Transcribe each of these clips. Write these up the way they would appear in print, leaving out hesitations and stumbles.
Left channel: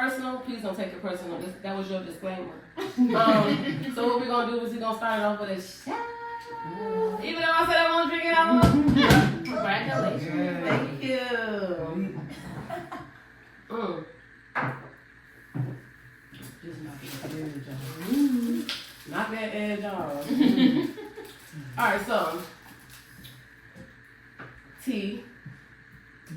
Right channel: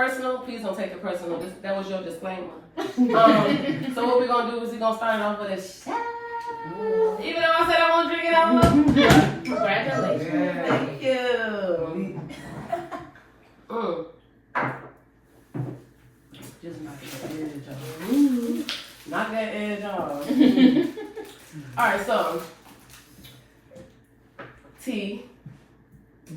personal, please don't take it personal. That was your disclaimer. So what we're gonna do is we're gonna start off with a shot. Even though I said I won't drink it, I will. Congratulations. Thank you. Just knock that edge off. Knock that edge off. Alright, so T,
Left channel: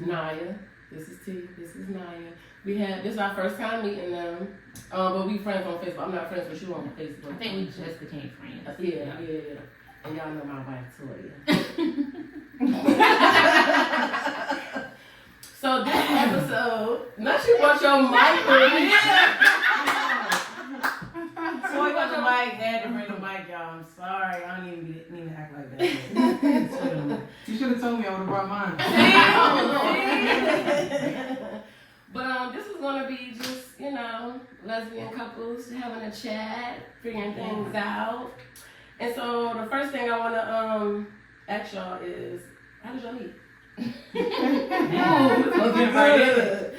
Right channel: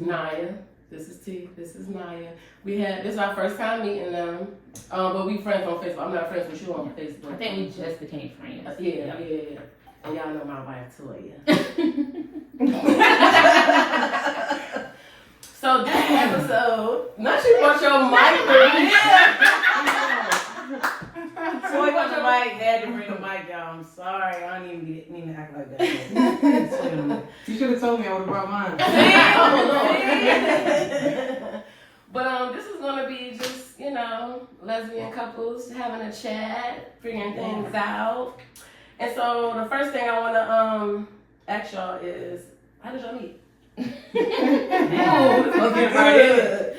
Naya. This is T. This is Naya. This is our first time meeting them. But we friends on Facebook. I'm not friends with you on Facebook. I think we just became friends. Yeah. And y'all know my wife Toya. So this episode, not you brought your mic. Toy got the mic, had to bring the mic, y'all. I'm sorry, I don't even act like that. You should have told me I would have brought mine. But this is gonna be just, lesbian couples having a chat, figuring things out. And so the first thing I wanna ask y'all is, how did y'all meet? Looking good.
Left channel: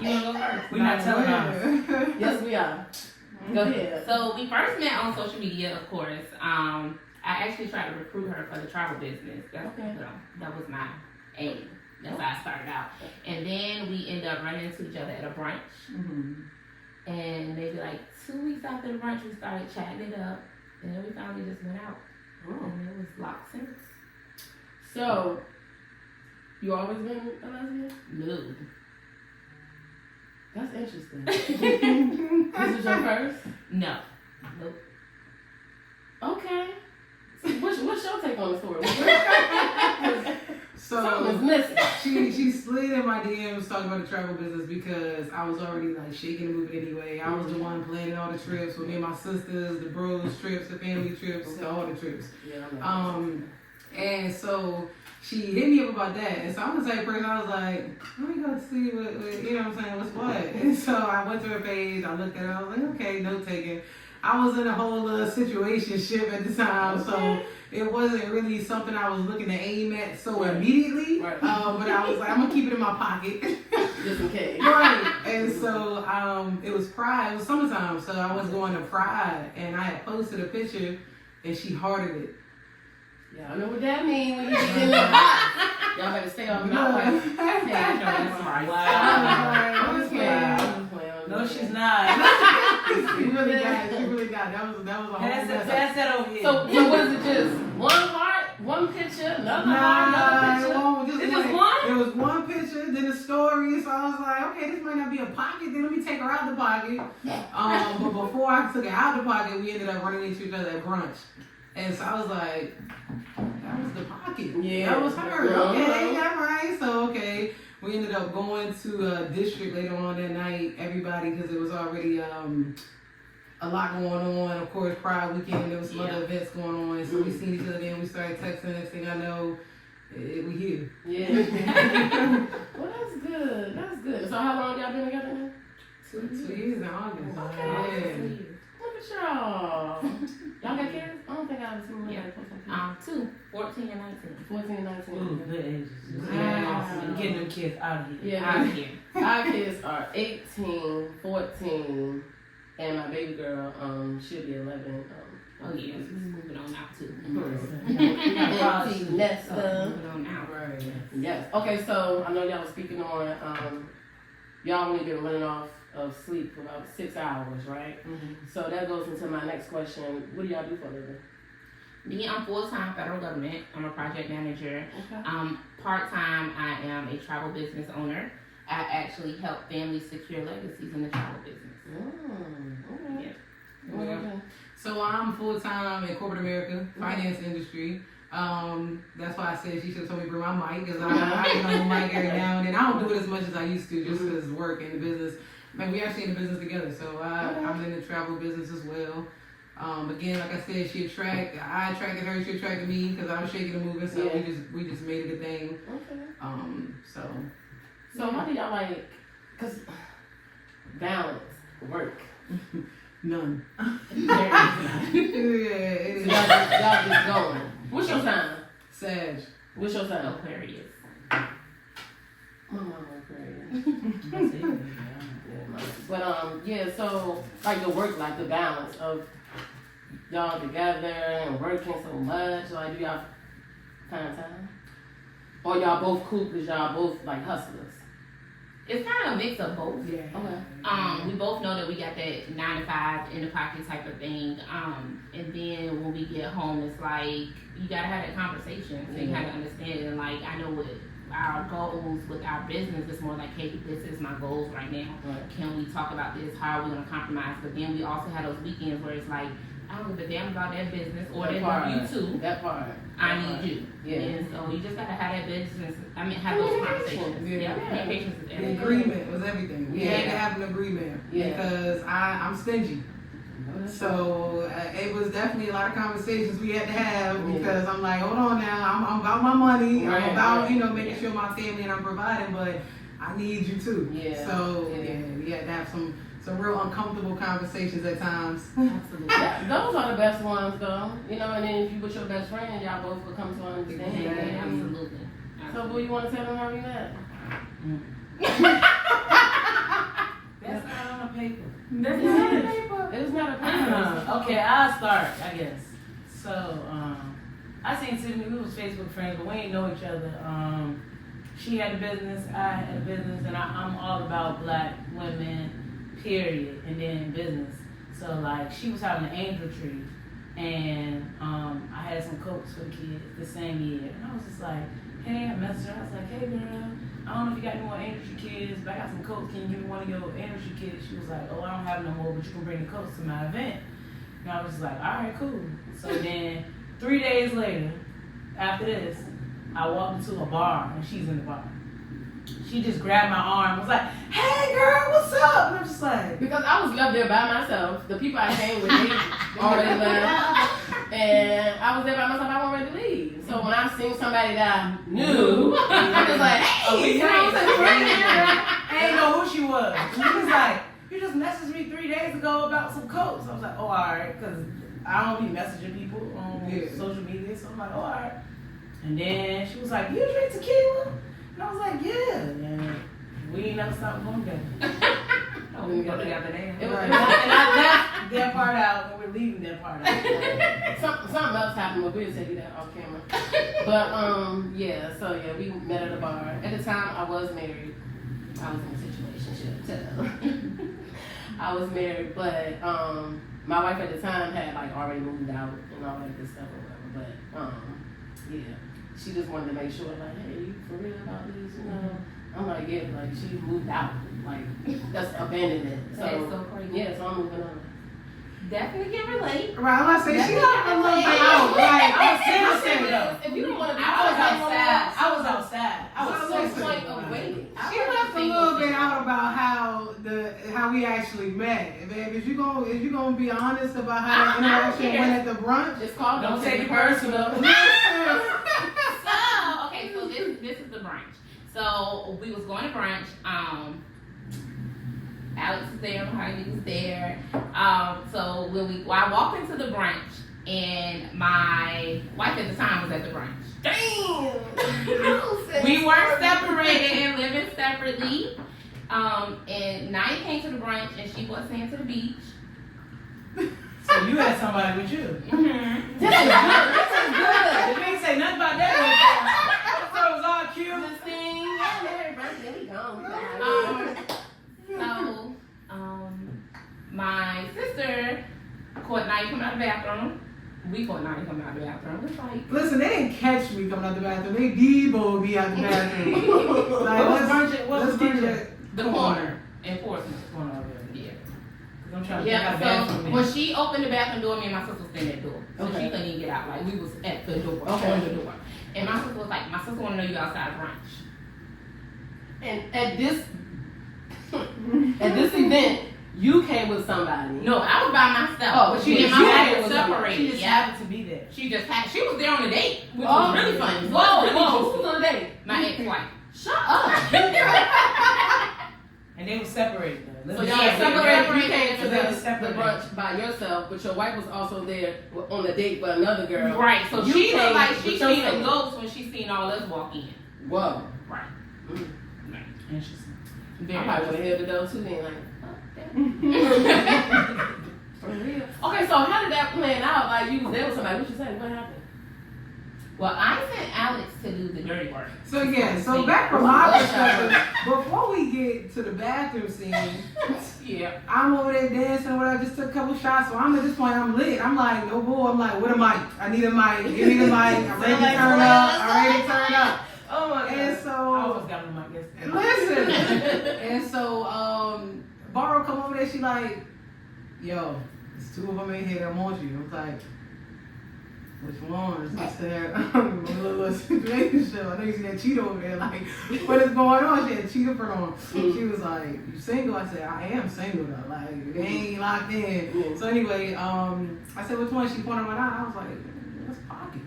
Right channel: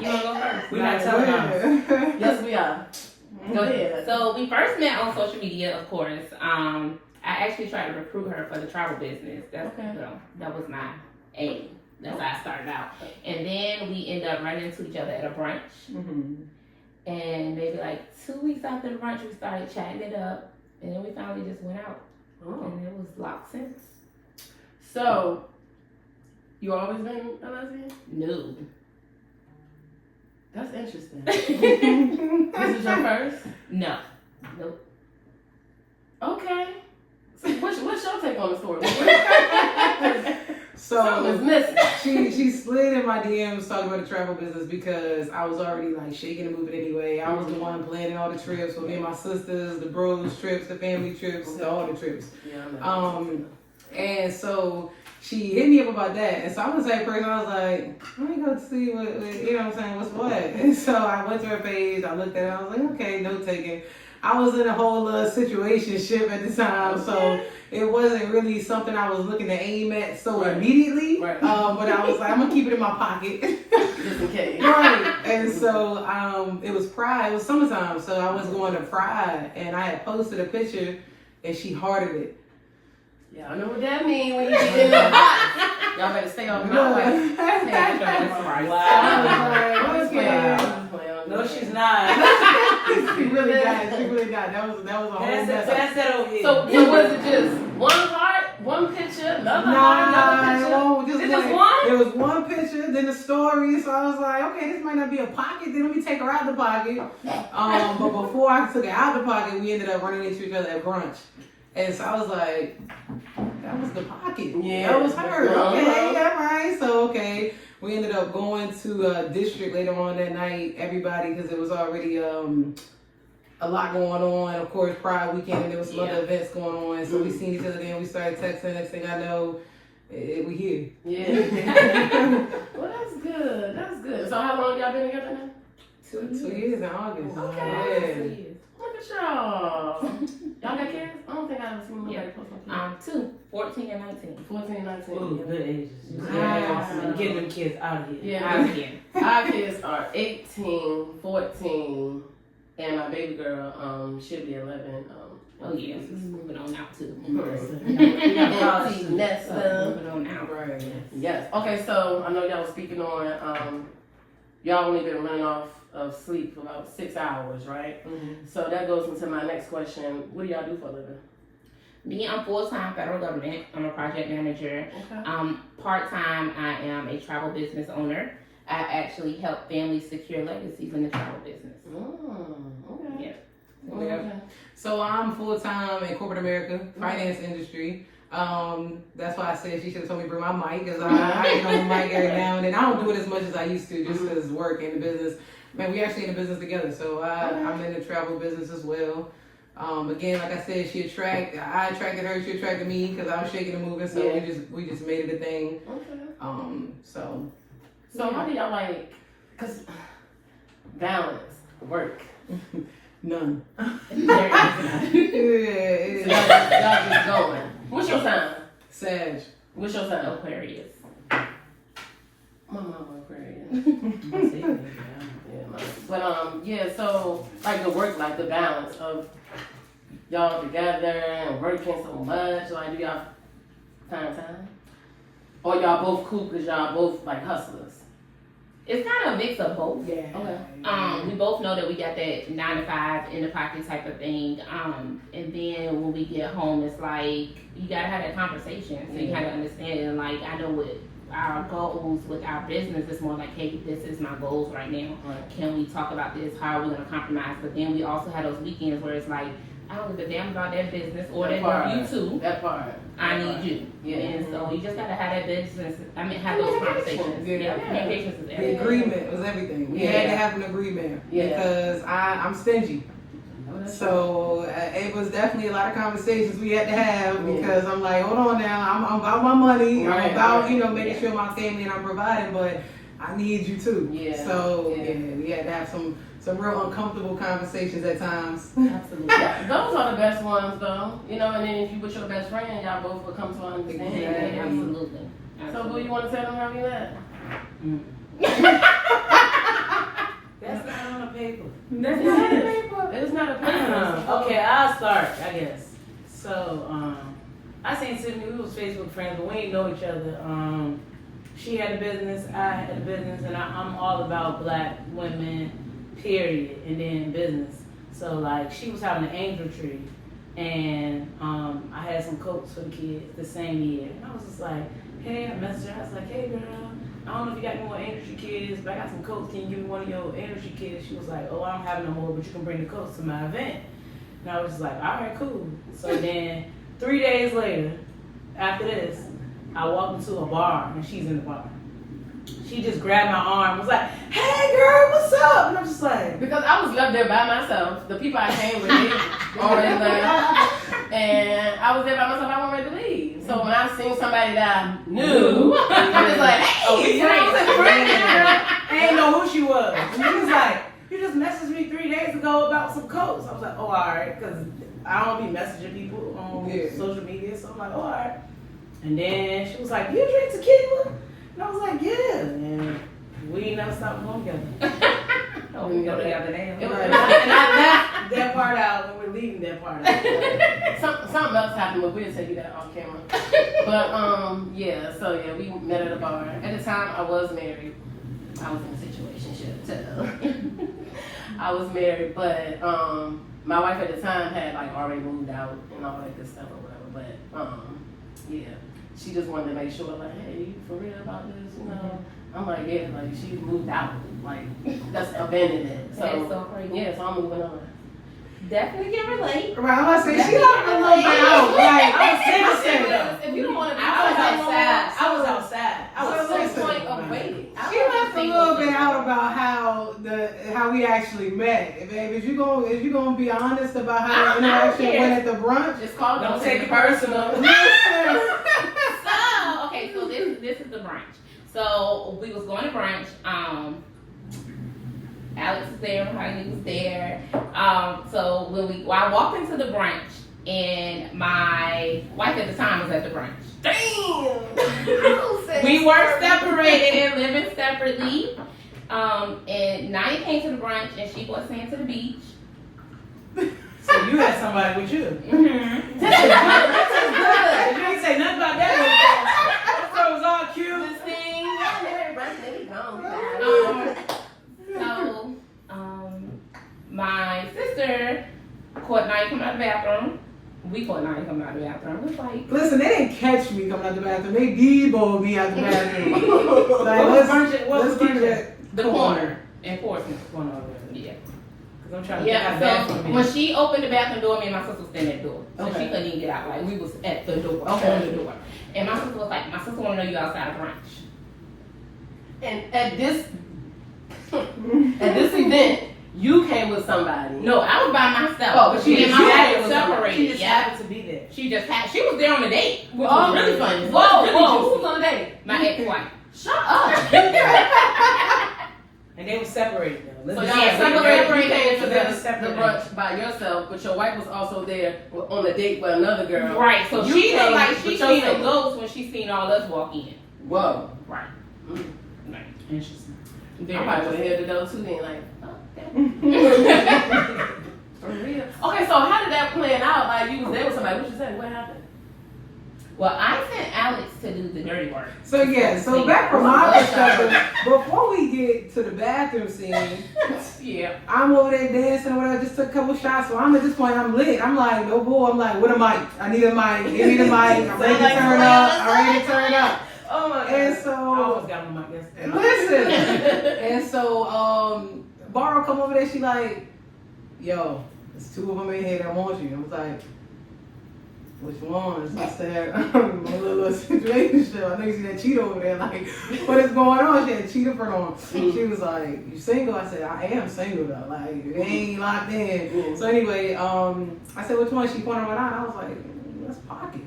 You wanna go first? We're not telling them. Yes, we are. Go ahead. So we first met on social media, of course. I actually tried to recruit her for the travel business. That was my aim. That's how I started out. And then we ended up running into each other at a brunch. Mm-hmm. And maybe like 2 weeks after the brunch, we started chatting it up. And then we finally just went out. And it was locked since. So, you always been a lesbian? No. That's interesting. This is your first? No. Nope. Okay. So what's your take on the story? So something is missing. She slid in my DMs talking about the travel business because I was already like shaking and moving anyway. I was the one planning all the trips with me and my sisters, the bros trips, the family trips, all the trips. And so she hit me up about that. And so I'm the type of person, I was like, let me go see what you know what I'm saying, what's what. And so I went to her page, I looked at it, I was like, okay, note taking. I was in a whole situationship at the time, so it wasn't really something I was looking to aim at immediately. Right. But I was like, I'm gonna keep it in my pocket. Just in case. Right. And so it was Pride, it was summertime, so I was going to Pride and I had posted a picture and she hearted it. Y'all know what that means when you get in the box. Y'all better stay on my way. No, she's not. She really got. That was a whole mess. That's that over here. So was it just one heart, one picture, another heart, another picture? Just one? There was one picture, then the story. So I was like, okay, this might not be a pocket. Then let me take her out the pocket. But before I took her out the pocket, we ended up running into each other at brunch. And so I was like, that was the pocket. Yeah, that was her. Okay, yeah, right. So, okay. We ended up going to a district later on that night, everybody, because it was already a lot going on. Of course, Pride weekend, there was some other events going on. So we seen each other then, we started texting. Next thing I know, we here. Yeah. Well, that's good. That's good. So how long y'all been together now? 2 years in August. Okay. Yeah. Look at y'all. Y'all got kids? I don't think I ever seen nobody post on kids. 2, 14 and 19. 14 and 19. Ooh, good ages. Yeah. Getting them kids out of here. Yeah. Out of here. Our kids are 18, 14, and my baby girl should be 11. Oh yeah, she's moving on out too. Nesta. Moving on out. Right. Yes. Okay, so I know y'all was speaking on y'all only been running off of sleep for about 6 hours, right? Mm-hmm. So that goes into my next question. What do y'all do for a living? Me, I'm full-time federal government. I'm a project manager. Okay. Part-time, I am a travel business owner. I actually help families secure legacies in the travel business. Okay. Yeah. Okay. So I'm full-time in corporate America, finance industry. That's why I said she should have told me to bring my mic, because I get on the mic every now and then. I don't do it as much as I used to, just because work and the business. Man, we actually in the business together, so I'm in the travel business as well. Again, like I said, I attracted her, she attracted me because I was shaking and moving, so we just made it a thing. Okay. So how do y'all cause balance, work? None. Y'all just going. What's your sign? Sag. What's your sign? Aquarius. My mama Aquarius. But yeah. So like the work, like the balance of y'all together and working so much. Like, do y'all find time? Or y'all both cool because y'all both like hustlers? It's kind of a mix of both. Yeah. Okay. We both know that we got that 9 to 5 in the pocket type of thing. And then when we get home, it's like you gotta have that conversation. So you gotta understand. And like I know what our goals with our business is more like, hey, this is my goals right now. Can we talk about this? How are we gonna compromise? But then we also have those weekends where it's like, I don't give a damn about that business or that part. You too. That part. I need you. Yeah. And so you just gotta have that business. I mean, have those conversations. Yeah. Communication is The everything. agreement was everything. We had Yeah. to have an agreement Yeah. because I'm stingy. So it was definitely a lot of conversations we had to have because I'm like, hold on now, I'm about my money, Right, I'm about right. making sure my family and I'm providing, but I need you too. Yeah. So Yeah. we had to have some real uncomfortable conversations at times. Absolutely. Yeah, those are the best ones though. You know, and then if you with your best friend, y'all both will come to an understanding. Exactly. Absolutely. So who you want to tell them how you met? That's not on the paper. That's not a paper. It's not a paper. Okay, I'll start, I guess. So, I seen Tiffany, we was Facebook friends, but we didn't know each other. She had a business, I had a business, and I'm all about black women, period, and then business. So, like, she was having an angel tree, and I had some coats for the kids the same year. And I was just like, hey, I messaged her, I was like, hey, girl, I don't know if you got any more angel tree kids, but I got some coats, can you give me one of your angel tree kids? She was like, oh, I don't have no more, but you can bring the coats to my event. And I was just like, all right, cool. So then 3 days later, after this, I walked into a bar and she's in the bar. She just grabbed my arm, was like, hey girl, what's up? And I'm just like, Because I was left there by myself. The people I came with already left. And I was there by myself, I wasn't ready to leave. So when I seen somebody that I knew, I was like, hey, oh, we friends. I didn't know who she was. And she was like, you just messaged me 3 days ago about some coats. I was like, oh, all right, because I don't be messaging people on social media. So I'm like, oh, all right. And then she was like, you drink tequila? And I was like, yeah. And we never stopped going together. Oh, we go together now. And I left that part out, and we're leaving that part out. Something else happened, but we'll tell you that off camera. But yeah, so yeah, we met at a bar. At the time, I was married. I was in a situationship. I was married, but my wife at the time had like already moved out and all that good stuff or whatever. But yeah, she just wanted to make sure, like, hey, you for real about this, you know? I'm like, yeah, like she moved out, like that's abandoned it. So, That is so crazy. yeah, so I'm moving on. Definitely can relate. Right, I'm gonna say she left a little bit out. Like, I was devastated though. If you don't want to be I was outside. I was outside. I was What's the so point of waiting? she left a little bit out about how we actually met. Baby, if you gonna be honest about how the interaction went at the brunch, Just call them. Don't take it personal. So, okay, so this is the brunch. So we was going to brunch. Alex was there, Mahogany was there. So I walked into the brunch, and my wife at the time was at the brunch. Damn. We were separated and living separately. And Naya came to the brunch, and she brought Sam to the beach. So you had somebody with you. Mm-hmm. This is good. You didn't say nothing about that. So it was all cute. So, my sister caught Naya coming out of the bathroom. We caught Naya coming out of the bathroom. It was like, listen, they didn't catch me coming out the bathroom. They deboed me out the bathroom. Like, let's keep it the corner in Portsmouth. Yeah. I'm trying to Yeah, get out so of when she opened the bathroom door, me and my sister was standing at the door. So she couldn't even get out. Like, we was at the door, on the door. And my sister was like, my sister want to know you outside of brunch. And at this event, you came with somebody. No, I was by myself. Oh, but she Me and didn't- my she sister was separated. She just Yeah. happened to be there. She was there on the date, which Oh, was really funny. Whoa, Really whoa, juicy. who's on the date? My ex-wife. Shut up. And they were separated though. So Let's y'all Yeah, separated. You came to They were the separated. brunch by yourself, but your wife was also there on a date with another girl. Right, so You she came looked like with she your seen a single. ghost when she seen all us walk in. Whoa. Right. Interesting. I probably would have held the door too then, like, oh, for real. Okay, so how did that plan out? Like, you was there with somebody. What you said? What happened? Well, I sent Alex to do the dirty work. So yeah, so back from my perspective, before we get to the bathroom scene, Yeah. I'm over there dancing or whatever, just took a couple shots, so I'm at this point, I'm lit. I'm like, oh boy, I'm like, what a mic. I need a mic, give me the mic, I'm ready to turn up, I'm ready to turn up. Oh my God. And I so, almost got my mic yesterday. listen, and so, Barrow come over there, she like, yo, there's two of them in here that want you. I was like, which ones? I said, a little situation. I think she had cheetah over there. Like, what is going on? She had cheetah print on. She was like, you single? I said, I am single though. Like, it ain't locked in. So anyway, I said, which one? She pointed one out. I was like, that's Pocket.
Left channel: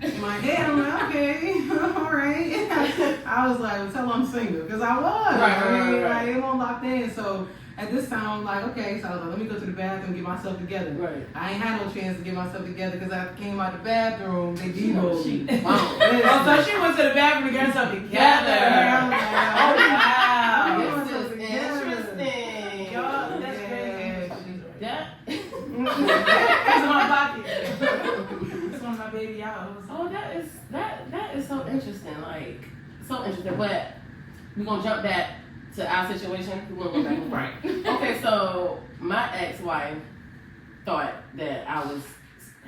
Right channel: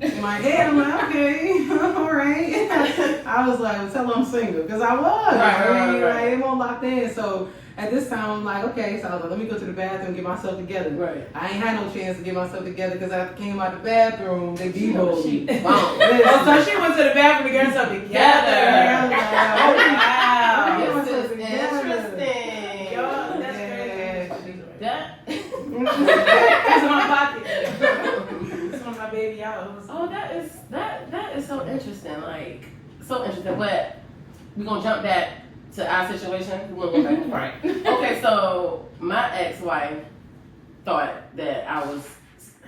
In my head, I'm like, okay, all right. I was like, well, tell her I'm single. Because I was. Right. Like, it won't locked in. So at this time, I'm like, okay. So I was like, let me go to the bathroom and get myself together. Right. I ain't had no chance to get myself together because I came out the bathroom, they demoed me. Oh, so she went to the bathroom to get herself together. Yeah. Wow. This myself is together. interesting. Y'all, that's Yeah. crazy. That, That's in my pocket. This one my baby out. oh, that is so interesting. Like, so interesting. But we're going to jump back to our situation. We wanna go back. Right. Okay, so my ex-wife thought that I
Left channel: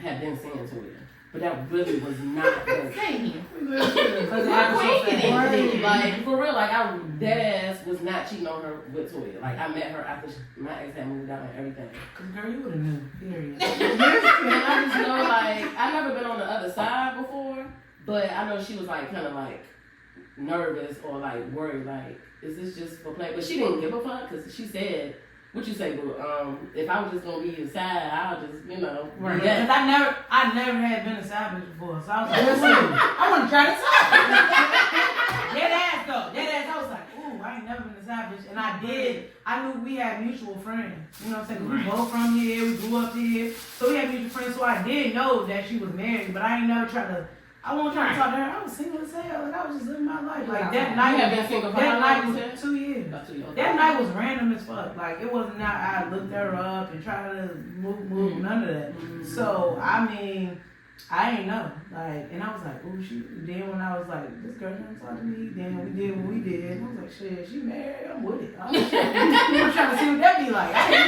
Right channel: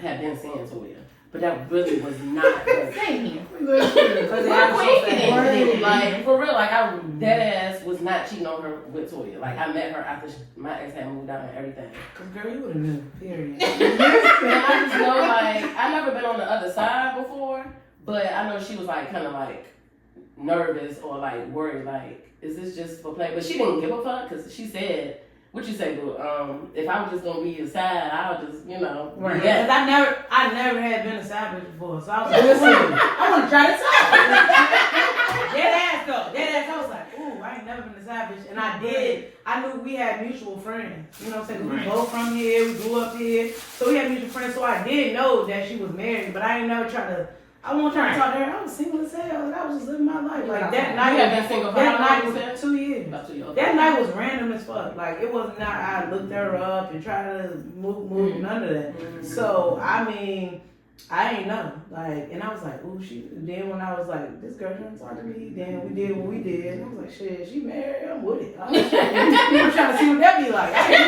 had been seeing Toya, but that really was not the Same here. Because it happened so fast. Right. Like, for real, like, I dead ass was not cheating on her with Toya. Like, I met her after my ex had moved out and everything. Cause girl, you would have been, period. And I just know, like, I never been on the other side before, but I know she was, like, kind of, like, nervous or, like, worried, like, is this just for play? But she didn't give a fuck, because she said, what you say, boo? If I was just gonna be your side, I would just, you know, Right. yeah. Because I never had been a side bitch before, so I was like, listen, I want to try this out. Dead ass though, dead ass. I was like, ooh, I ain't never been a side bitch, and I did. I knew we had mutual friends. You know what I'm saying? We both from here, we grew up here, so we had mutual friends. So I did know that she was married, but I ain't never try to. I wasn't trying to talk to her. I was single as hell. Like, I was just living my life. Like that night. You have been single for That how long, night you was said? 2 years. About 2 years. That night was random as fuck. Like, it wasn't that I looked her up and tried to move, none of that. Mhm. So, I mean, I ain't know. Like, and I was like, ooh, shoot. Then when I was like, this girl trying to talk to me, then we did what we did. I was like, shit, she married? I'm with it. I'm trying to see what that be like. I ain't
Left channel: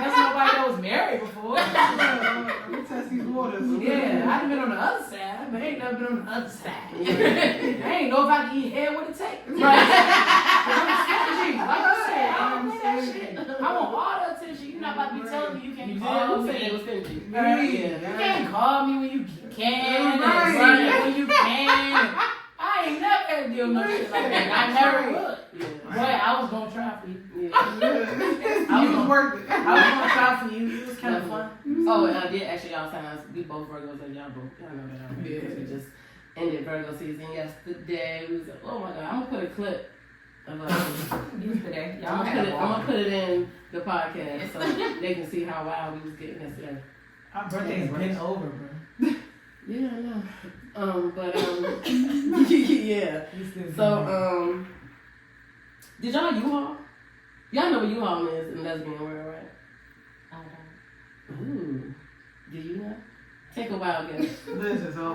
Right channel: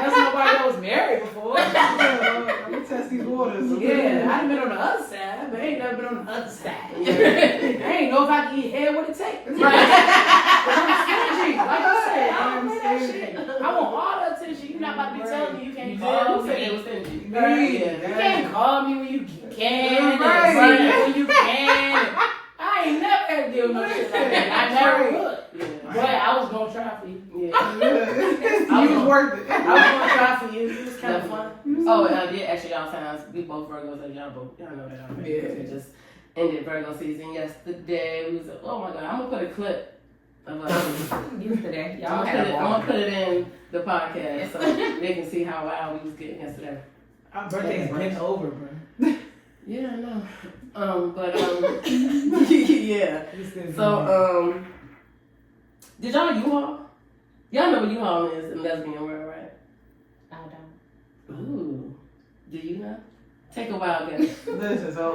never met nobody that was married before. Let me test these waters. Yeah, I've been on the other side, but I ain't never been on the other side. I ain't know if I can eat head what it takes. Right. I'm stingy. Like I said, I'm stingy. I want all the attention. You're not about to be telling me you can't call me. You can't call me when you can. Right. When you can. I ain't never had to deal with no shit like that. I never would. Boy, I was gonna try for you. You was worth it. I was gonna try for you. It was kind of fun. Oh, yeah, actually, y'all times, we both Virgos and y'all both, y'all know that. Yeah. We just ended Virgo season yesterday. We was, oh my God, I'm gonna put a clip of us. Yesterday. Y'all I'm had a gonna ball. put it in the podcast so they can see how wild we was getting yesterday. Our birthday's been over, bro. Yeah, I know. Yeah. We still So, did y'all know U-Haul? Y'all know what U-Haul is in lesbian world, right? I don't. Ooh. Do you know? Take a wild guess. Listen, so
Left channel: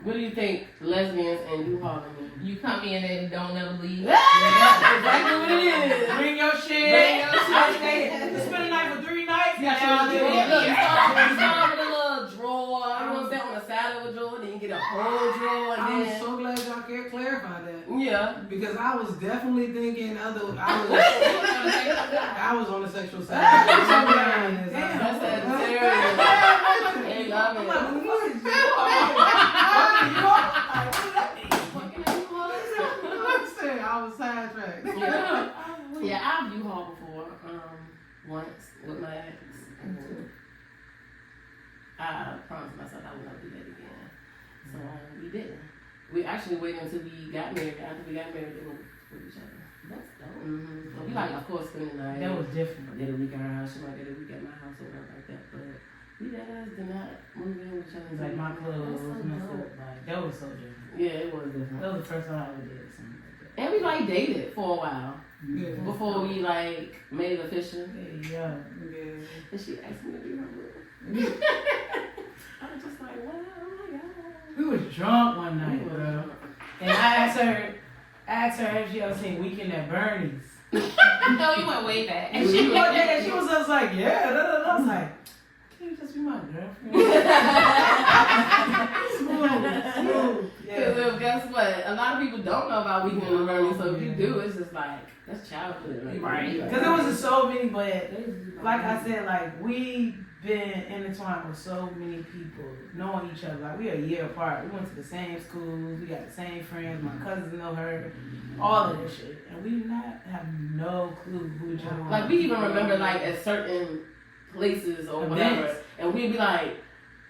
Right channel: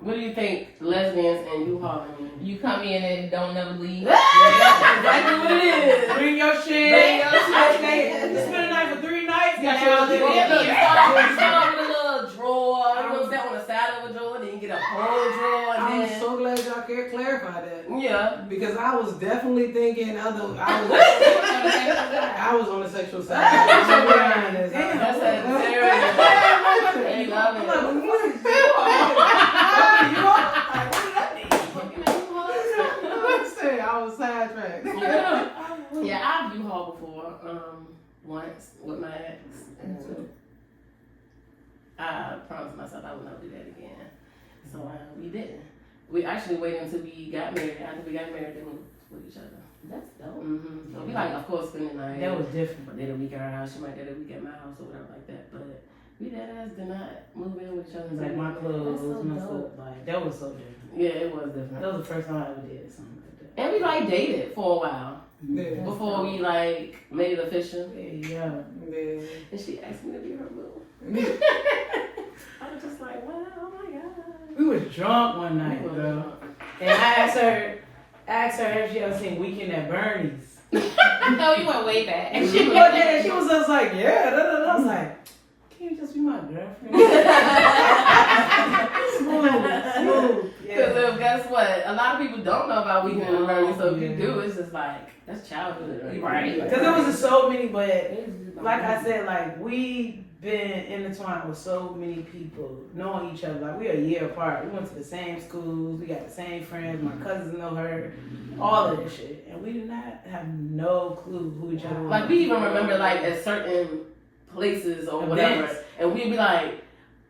What do you think lesbians and U-Haul mean? You come in and don't never leave. Exactly what it is. Bring your shit. Bring your shit. You spend a night for 3 nights. You Got your start little with a little drawer. You know, that on the side of a drawer, then you get a whole drawer. I'm And then, so glad y'all can clarify that. yeah. Because I was definitely thinking I was on the sexual side. That's They love Listen, I was sidetracked. Yeah, I've U-Haul before. Once with my ex. And I promised myself I would not do that again. So we didn't. We actually waited until we got married. After we got married, to move with each other. That's dope. Mm-hmm. So we like, of course, spending the night. That was different. Did a week at her house. She might get a week at my house or whatever like that. But we did not move in with each other. Like my clothes, That's so my dope. stuff. Like, that was so different. Yeah, it was different. That was the first time I ever did something like that. And we like dated for a while Yeah. before we like made it official. Yeah. And she asked me to be her room. I was just like, what? Oh my god. We was drunk one night, bro. And I asked her if she ever seen Weekend at Bernie's. No, you went way back. And she looked at it and she was just like, yeah. I was like, can you just be my girlfriend? Smooth. Because guess what? A lot of people don't know about Weekend at Bernie's, so if you do, it's just like, that's childhood. Right. Because there was just so many, but like I said, like we been intertwined with so many people, knowing each other. Like we a year apart. We went to the same schools. We got the same friends. My cousins know her. All of this shit, and we do not have no clue who each other. Like we even remember like at certain places or whatever, and we'd be like,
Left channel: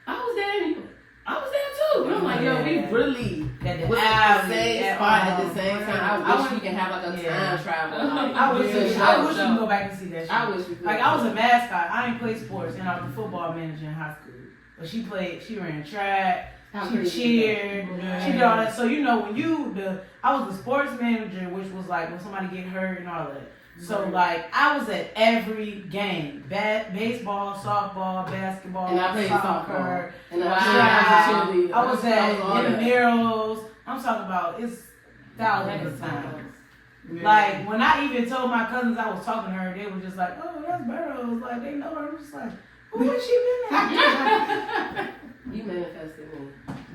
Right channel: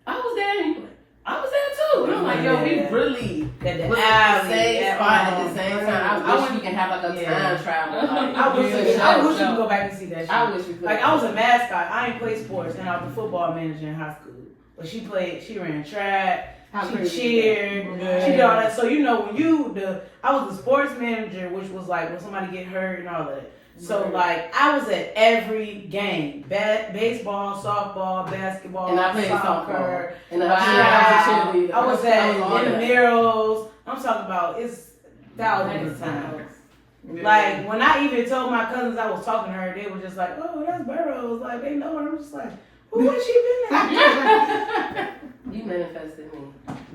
I was there. And I was there too. And I'm like, yo, we really at the was alley, the same spot at the same time. I wish we can have like a time travel. Like, I wish we show. could go back and see that shit. I wish we could. Like I was a mascot. I ain't play sports, and I was a football manager in high school. But she played. She ran track. She cheered. She did all that. So you know when I was the sports manager, which was like when somebody get hurt and all that. So like I was at every game, baseball, softball, basketball, and I played soccer, and I was at intramurals. I'm talking about it's thousands of times. Yeah. Like when I even told my cousins I was talking to her, they were just like, "Oh, that's Burroughs." Like they know her. I'm just like, "Who has she been at?" You manifested me.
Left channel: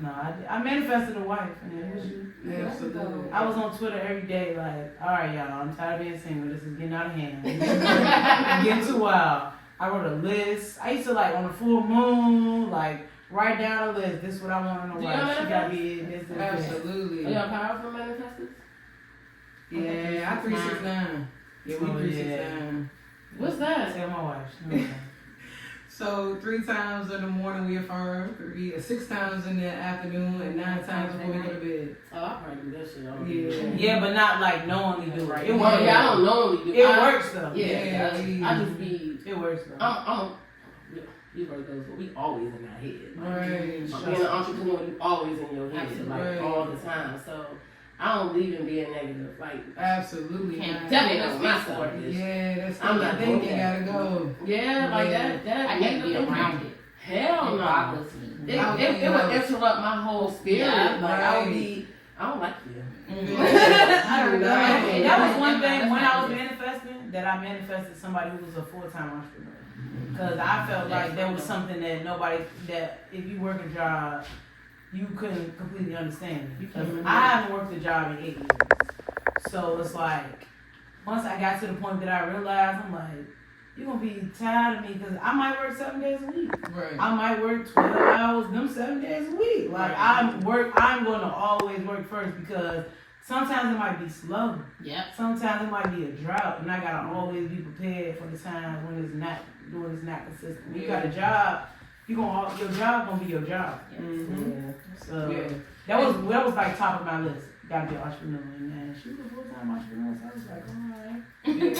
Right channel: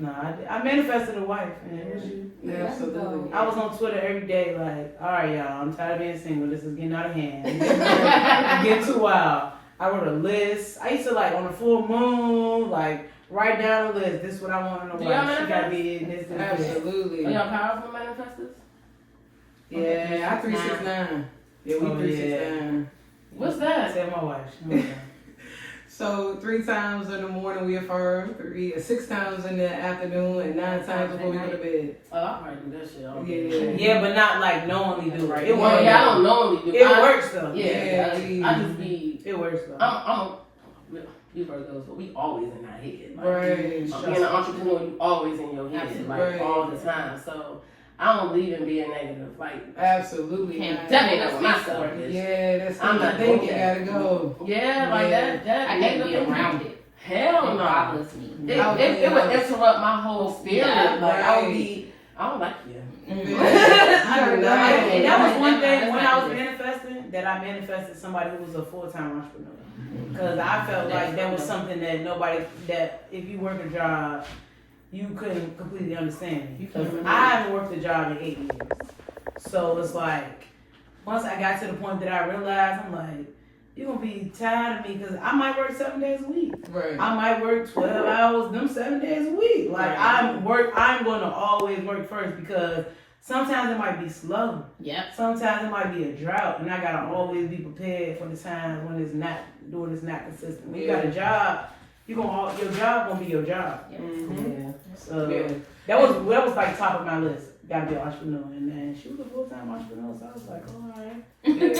No, I manifested a wife, man. It was you. Yeah, absolutely. I was on Twitter every day, like, all right, y'all, I'm tired of being single. This is getting out of hand. I'm getting too wild. I wrote a list. I used to, like, on the full moon, like, write down a list. This is what I want in a wife. She got to be in this. Absolutely. Are y'all powerful manifestors? Yeah, I 369. Yeah, we 369. What's that? Say my wife. So 3 times in the morning we affirm, 6 times in the afternoon, and 9 times before we go to bed. Oh, I probably do that shit all day. Yeah, but not like knowingly do it. It works. Yeah, I don't normally do it. It works though. Yeah, I just be. It works though. You've heard those, but we always in our head. Like, Right. being an entrepreneur, you always in your head, like Right. all the time. So I don't believe in being negative. Like Absolutely. can't definitely know what my story is. Yeah, that's I'm I'm not not thinking. doing Gotta go. Yeah, like that I can't be around it. Hell It no. bothers me. It would interrupt my whole spirit. Yeah, like I would right. be. I don't like you. And that was one thing when I was manifesting, that I manifested somebody who was a full-time entrepreneur. Because I felt like that was something that if you work a job, you couldn't completely understand. Because I haven't worked a job in 8 years. So it's like, once I got to the point that I realized, I'm like, you're going to be tired of me because I might work 7 days a week. Right. I might work 12 hours, them 7 days a week. Like I'm going to always work first because sometimes it might be slow. Yep. Sometimes it might be a drought, and I gotta always be prepared for the times when it's not consistent. When you got a job, your job gonna be your job. Mm-hmm. So Yeah. that was like top of my list. Gotta be an entrepreneur, and man, she was a full-time entrepreneur, so I was like, all right. Yeah.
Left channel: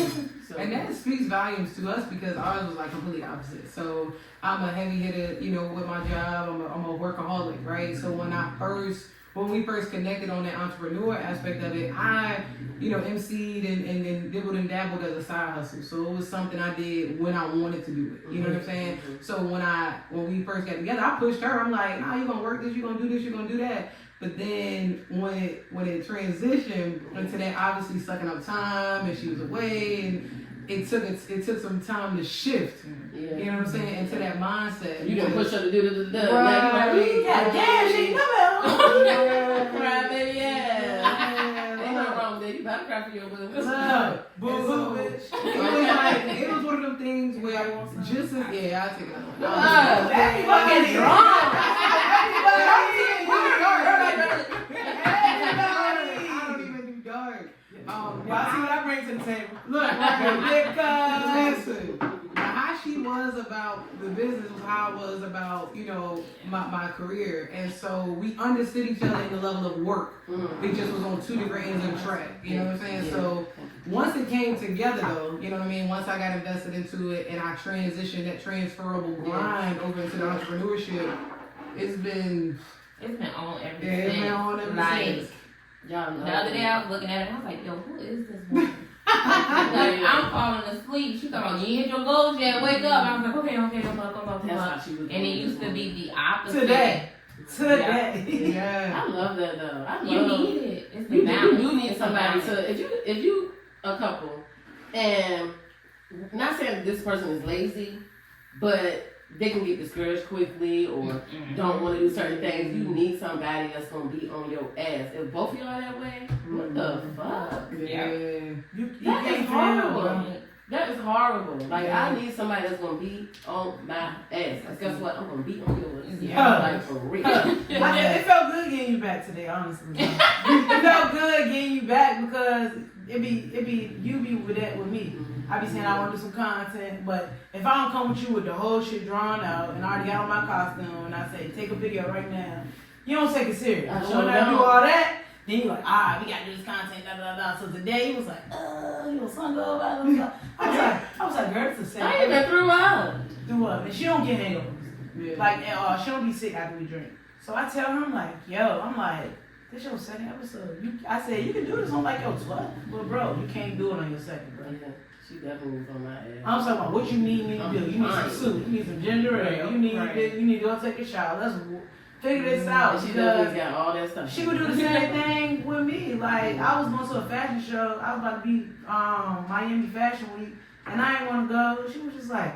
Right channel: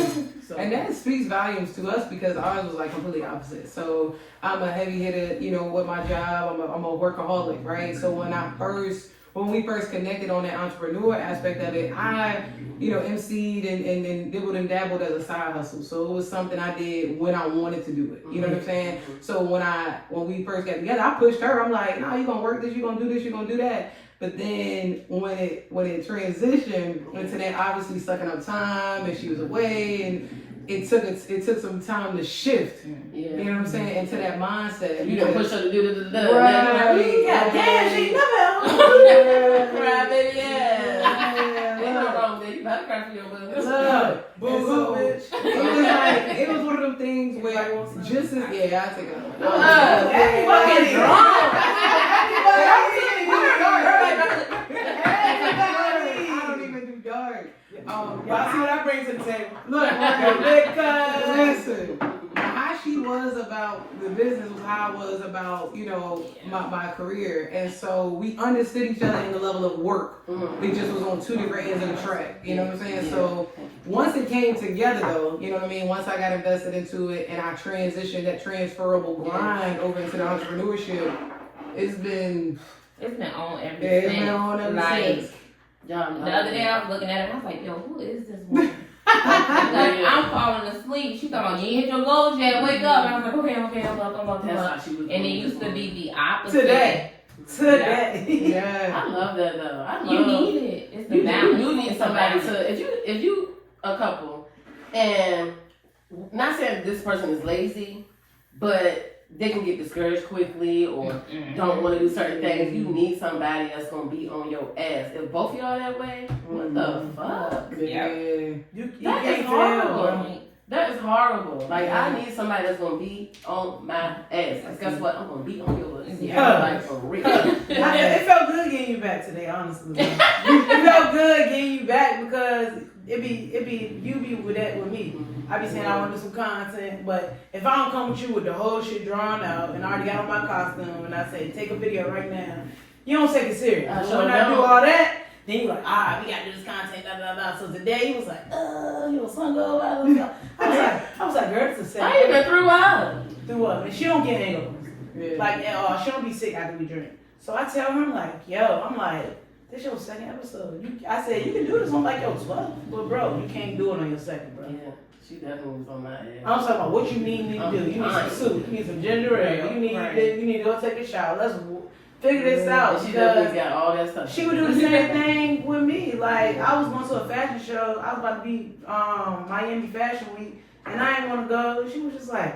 So, And that speaks volumes to us because ours was like completely opposite. So I'm a heavy hitter, with my job. I'm a workaholic, right? So when we first connected on that entrepreneur aspect of it, I, emceed and dibbled and dabbled as a side hustle. So it was something I did when I wanted to do it. You know what I'm saying? So when we first got together, I pushed her. I'm like, nah, you're gonna work this, you're gonna do this, you're gonna do that. But then when it transitioned into that obviously sucking up time and she was away and it took some time to shift. Yeah. You know what I'm saying? Into that mindset. You gonna push her to do the Right. God damn, she Cry, baby, yeah. Yeah. Ain't no wrong, baby. You better cry for your boo. Look, Boo-hoo, bitch. it was one of them things where just as I take it out. Fucking drunk. I don't even do dark. Y'all see what I bring to the table? Look, listen. How she was about the business was how I was about, my career. And so we understood each other in the level of work. It just was on 2 different ends of the track. You know what I'm saying? So once it came together though, you know what I mean? Once I got invested into it and I transitioned that transferable grind over into the entrepreneurship, it's been on ever it's been since. on ever Like, since. Y'all know. The other day I was looking at her and I was like, yo, who is this woman? Like, I'm falling asleep. She thought, you hit your goals yet, wake up. I was like, okay, I'm up. That's how she was. And it used to be the opposite. Today. Yeah. I love that though. I love You need it. It's the You balance. do need somebody It's the to if you a couple and not saying that this person is lazy, but they can get discouraged quickly or don't want to do certain things. You need somebody that's gonna be on your ass. If both of y'all that way, what the fuck? Yeah. You That is can't horrible. tell. That is horrible. Like I need somebody that's gonna be on my ass. 'Cause guess what? I'm gonna be on yours. Yeah. Like for real. It felt good getting you back today, honestly. It felt good getting you back because you be with that with me. I be saying I want to do some content, but if I don't come with you with the whole shit drawn out and I already got on my costume and I say take a video right now, you don't take it serious. I But sure when I do don't. all that, then you like, all right, we gotta do this content, da da da. So today he was like, you was sun go out. I was like, girl, it's a set. I even threw up. Threw up, and she don't get hangovers. Yeah. Like, she don't be sick after we drink. So I tell him, like, this your second episode. I said, you can do this on like your 12th. But bro, you can't do it on your second, bro. Yeah, she definitely was on my ass. I'm talking about what you need to do. You need some soup. You need some ginger ale. You need this. You need to go take a shower. Let's figure this out. And she Because definitely got all that stuff. she would do the same thing with me. Like, I was going to a fashion show. I was about to be Miami Fashion Week. And I didn't want to go. She was just like,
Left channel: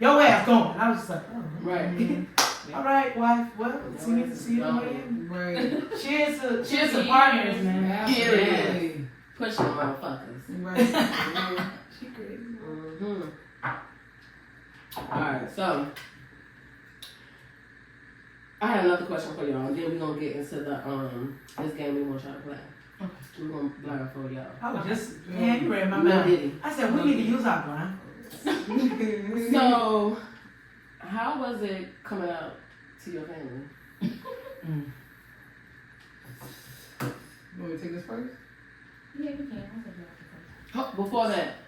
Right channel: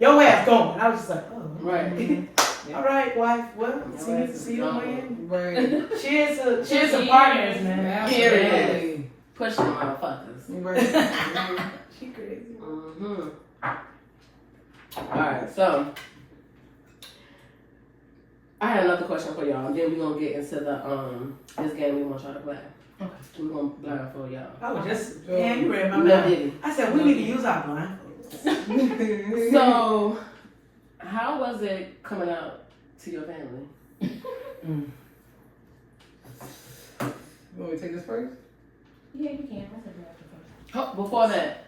your ass going. And I was just like, oh. Right. All right, wife. Well, see you in Miami. Right. Cheers to partners, man. Period. Pushing motherfuckers. Right. She crazy. Mm-hmm. Alright, so I had another question for y'all. Then we're gonna get into the this game we want y'all to play. We're gonna learn for y'all. I was just, you read my No mind. diddy. I said, we need to use our blind. So how was it coming out to your family? You want me to take this first? Yeah, we can. Before that,